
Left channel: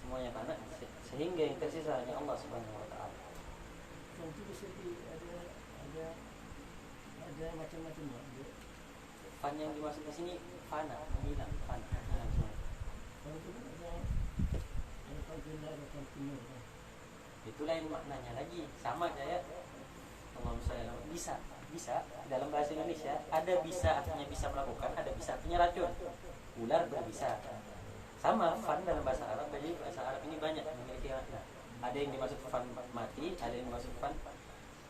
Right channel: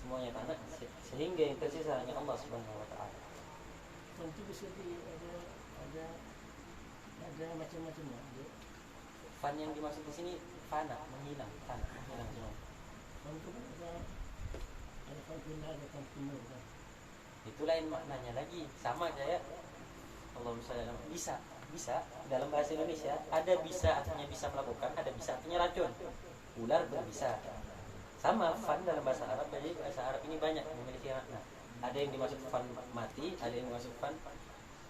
Semuanya fana, sehingga yang tersisa hanya Allah Subhanahu wa taala. Nanti bisa ada macam-macamnya. Fan yang dimaksud di sini fana, menghilang semua. Fan itu kan ada fan fillah, ada fan timur kan. Itu lain maknanya lagi, sama kayak Allahumma shalli ala Muhammad. Bisa dalam bahasa Indonesia ada bisa artinya bisa melakukan, ada bisa artinya racun. Ular berbisa. Sama fan dalam bahasa Arab, jadi bahasa Arab ini banyak memiliki makna. Ada yang dimaksud fan mati, ada yang dimaksud fan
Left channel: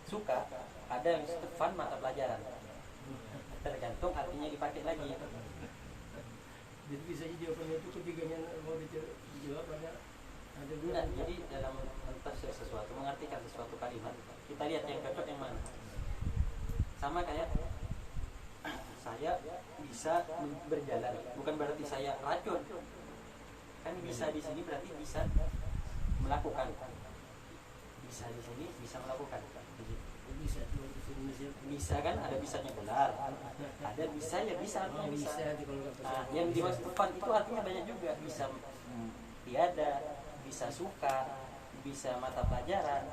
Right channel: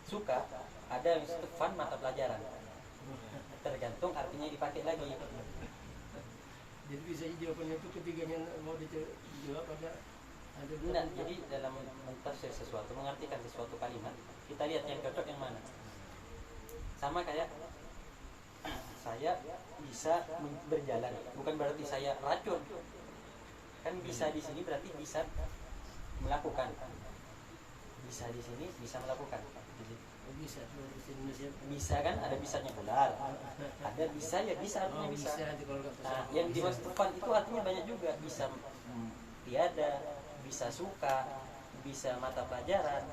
suka, ada yang dimaksud fan mata pelajaran. Tergantung artinya dipakai lagi. Jadi bisa jawabannya itu ketiganya mau dijawab ada dua. Nah, jadi dalam mentafsir sesuatu, mengartikan sesuatu kalimat, kita lihat yang cocok yang mana. Sama kayak saya bisa berjalan, bukan berarti saya racun. Kan bisa di sini berarti bisa melakukan. Bisa di sini bisa melakukan. Jadi, Bisa kalau di Indonesia. bisa kan ada bisanya ular. Ada bisa ya bisa artinya bisa. Nanti kalau nggak Nah, yang dimaksud fan itu artinya banyak juga, bisa tiada, bisa suka, bisa mata pelajaran.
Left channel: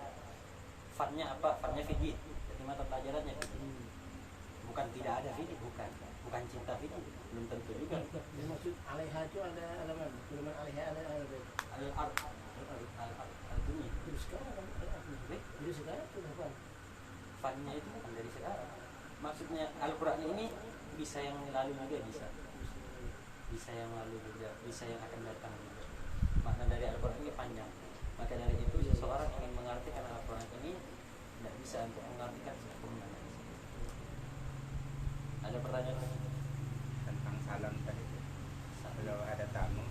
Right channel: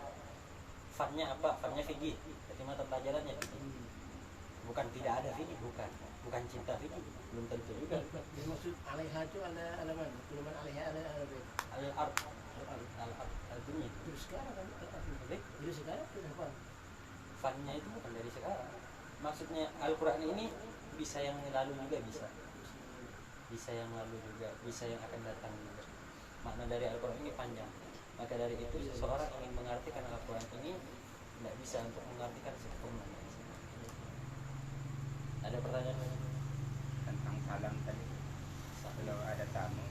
Fannya apa? Fannya fikih. Jadi mata pelajarannya fikih. Bukan tidak ada fikih, bukan cinta fikih, belum tentu juga. Maksud alaiha itu ada mana? Kuluman alaiha ada. Al-ard dunia. Terus sekarang kan al-ard. Terus sekarang itu apa? Fannya itu bukan dari sekarang. Maksudnya Al-Quran ini bisa yang lalu juga bisa yang lalu juga, bisa yang akan datang juga. Makna dari Al-Quran ini panjang. Maka dari itu seseorang ingin mengartikan Al-Quran ini tidak bisa untuk mengartikan sepenuh makna. Ada pertanyaan lagi? Tentang salam tadi, kalau ada tamu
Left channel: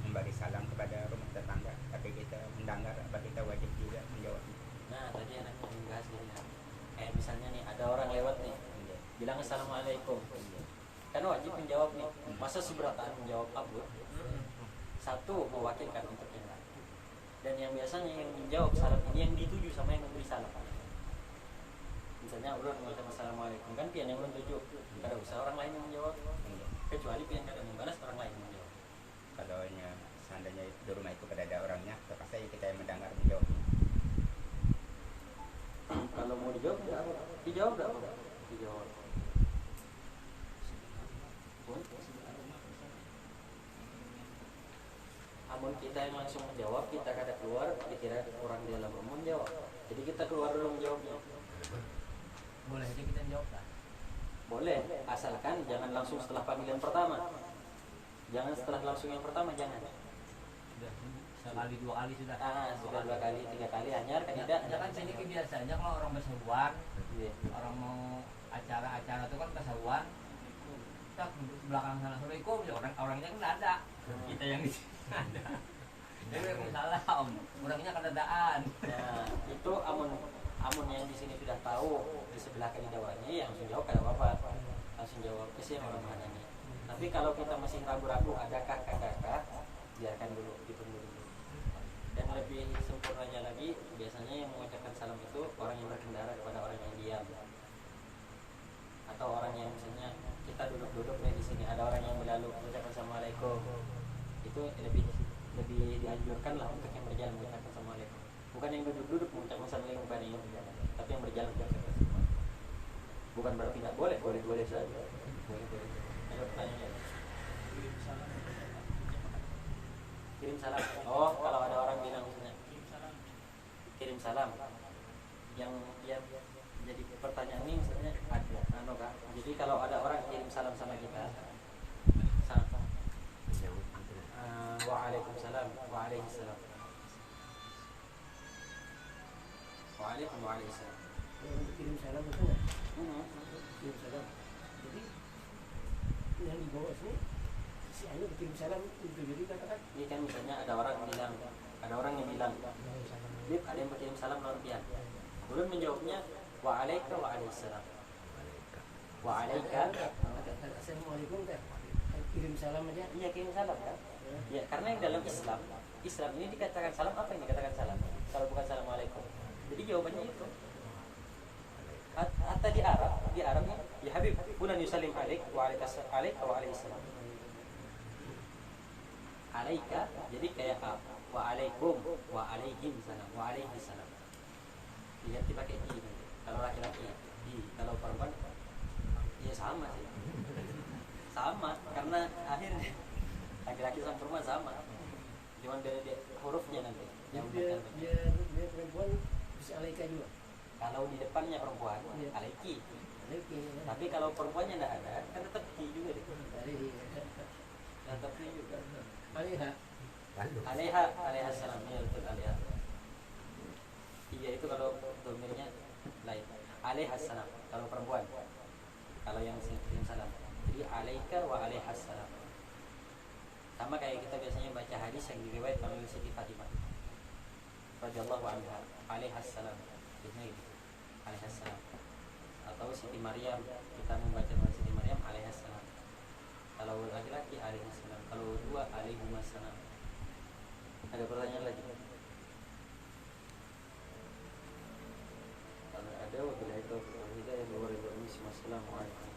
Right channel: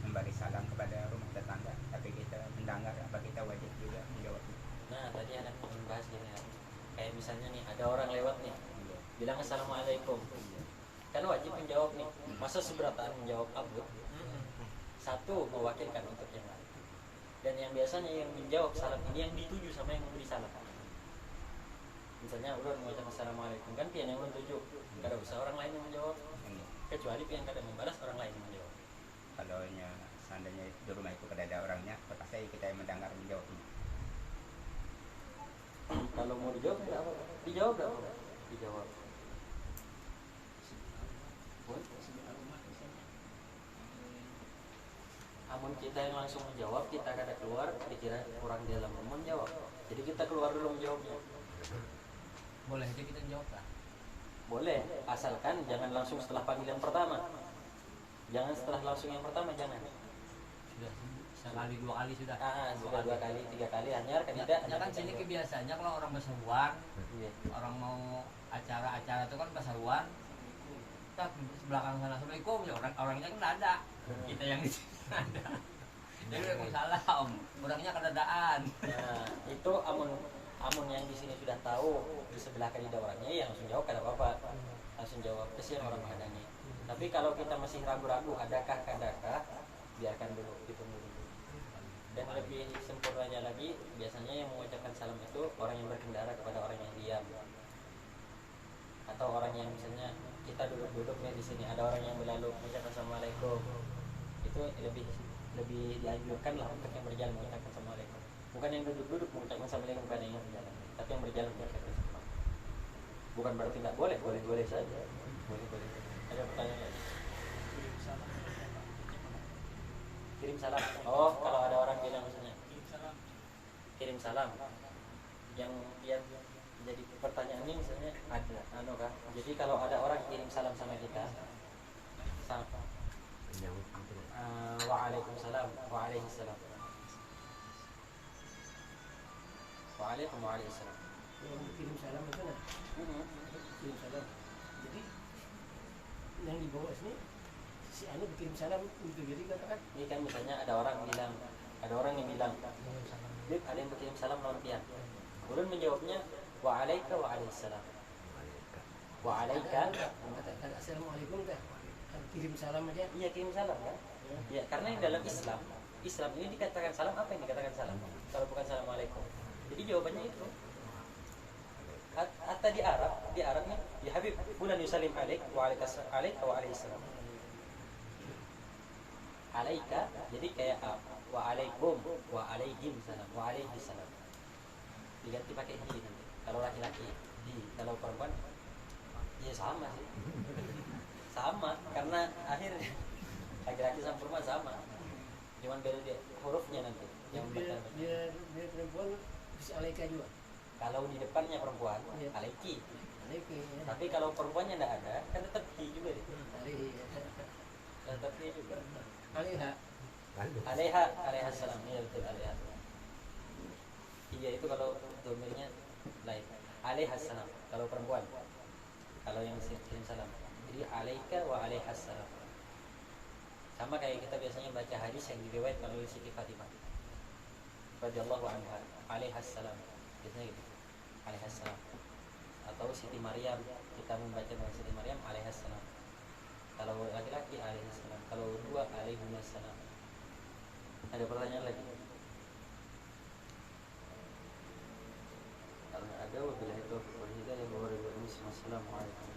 memberi salam kepada rumah tetangga, tapi kita mendengar, apa kita wajib juga menjawab itu? Nah, tadi anak membahas gini ya. Kayak misalnya nih, ada orang lewat nih, bilang assalamualaikum, kan wajib menjawab nih. Masa seberataan menjawab abud? Satu, mewakilkan untuk yang lain. Dan yang biasanya yang menjawab salam ini yang dituju sama yang memberi salam. Misalnya ulun mengucapkan assalamualaikum, kan pian yang mentuju, kada usah orang lain yang menjawab, kecuali pian kada membalas, orang lain yang menjawab. Kalau seandainya di rumah itu pada ada orangnya, terpaksa kita yang mendengar menjawabnya. Kalau mau dijawab tidak apa, dijawab tidak apa, dijawab. Amun kita yang langsung menjawab, kita kada keluar, dikira orang di dalam rumah menjawab. Jadi kita keluar dulu menjawabnya. Boleh aja kita jawab lah. Boleh, asalkan jangan langsung setelah panggilan pertama. Jangan setelah langsung yang pertama, jangan. Sudah sekali dua kali sudah. Sudah 2 kali, 3 kali hanyar kan tidak. Ya kan sini biasanya kalau orang berseruan, Iya. orang mau acara-acara itu kan berseruan. Kita belakang sana assalamualaikum, ya orangnya kan ada. Kita yang di sini ada. Jadi salam, orangnya kan dadaan. Nah, itu amun yang di sini sudah tahu di sebelah kali dawannya, ya langsung jawab kada apa-apa. Langsung jawab, kesian orang menghadangnya. Tapi kalau kita masih ragu-ragu adakah kadakah, biarkan dulu, ditunggu dulu. Dan lebih sempurnanya lagi, biasanya yang mengucapkan salam itu orang yang berkendara kepada orang yang diam, atau orang yang misalnya kita duduk-duduk nih di sini, ada orang yang berlalu mengucapkan assalamualaikum, itu lebih dianjurkan lah untuk yang berjalan mengucapkan assalamualaikum. Bukan yang duduk-duduk mengucapkan assalamualaikum, bukan yang berjalan, tapi yang berjalan mengucapkan assalamualaikum. Bukan berarti nggak boleh, boleh saja. Boleh. Ada pertanyaan lagi? Kirim salam. Oh, kalau ada orang bilang misalnya kirim salam, yang jadi pertanyaan ini misalnya ada, kah? Jadi kalau ada orang kirim salam sama kita, waalaikumsalam, waalaikumsalam, waalaikumsalam. Yang kirim salam itu nggak? Kirim salam. Jadi yang di bawah sini si anu kirim salam itu, jadi katakan Ini kan misalnya ada orang yang bilang, Bib, ada yang berkirim salam lawan pian. Belum menjawabnya wa'alaika wa'alaihissalam. Wa'alaika. kalau assalamualaikum kan kirim salam aja. Iya, kirim salam kan? Ya, karena yang dalam Islam ini dikatakan salam, apa yang dikatakan salam? Kalau bukan assalamualaikum. Jadi jawabannya itu. Atau di Arabnya, ya Habib, bulan yusalim alaik wa'alaihissalam. Alaika, jadi kayak wa'alaikum, wa'alaihim salam, wa'alaihissalam. Diganti pakai hi nanti. Kalau laki-laki hi, kalau perempuan ya sama sih. Sama, karena akhirnya laki-laki sama perempuan sama. Cuman beda dia hurufnya nanti yang Dia membaca. perempuan si alaika juga. Kalau di depannya perempuan, Iya. alaiki. Alaika. Tapi kalau perempuannya tidak ada, kan tetap hi juga deh. Tetap hi juga. Alaiha. Alaiha salam, ya betul, alaiha. Iya, itu kalau domirnya lain. Alaiha salam kalau perempuan. Kalau yang kirim salam. Jadi alaika wa alaiha salam. Sama kayak kita biasanya baca hadis yang diriwayatkan oleh Siti Fatimah radhiyallahu anha, alaiha salam. Biasanya gitu. Alaiha salam. Atau Siti Maryam, kita membaca Siti Maryam alaiha salam. Kalau laki-laki alaihi salam, kalau dua alaihimussalam. Ada pertanyaan lagi? Kalau ada, wabillahi taufiq wal hidayah. Wassalamualaikum.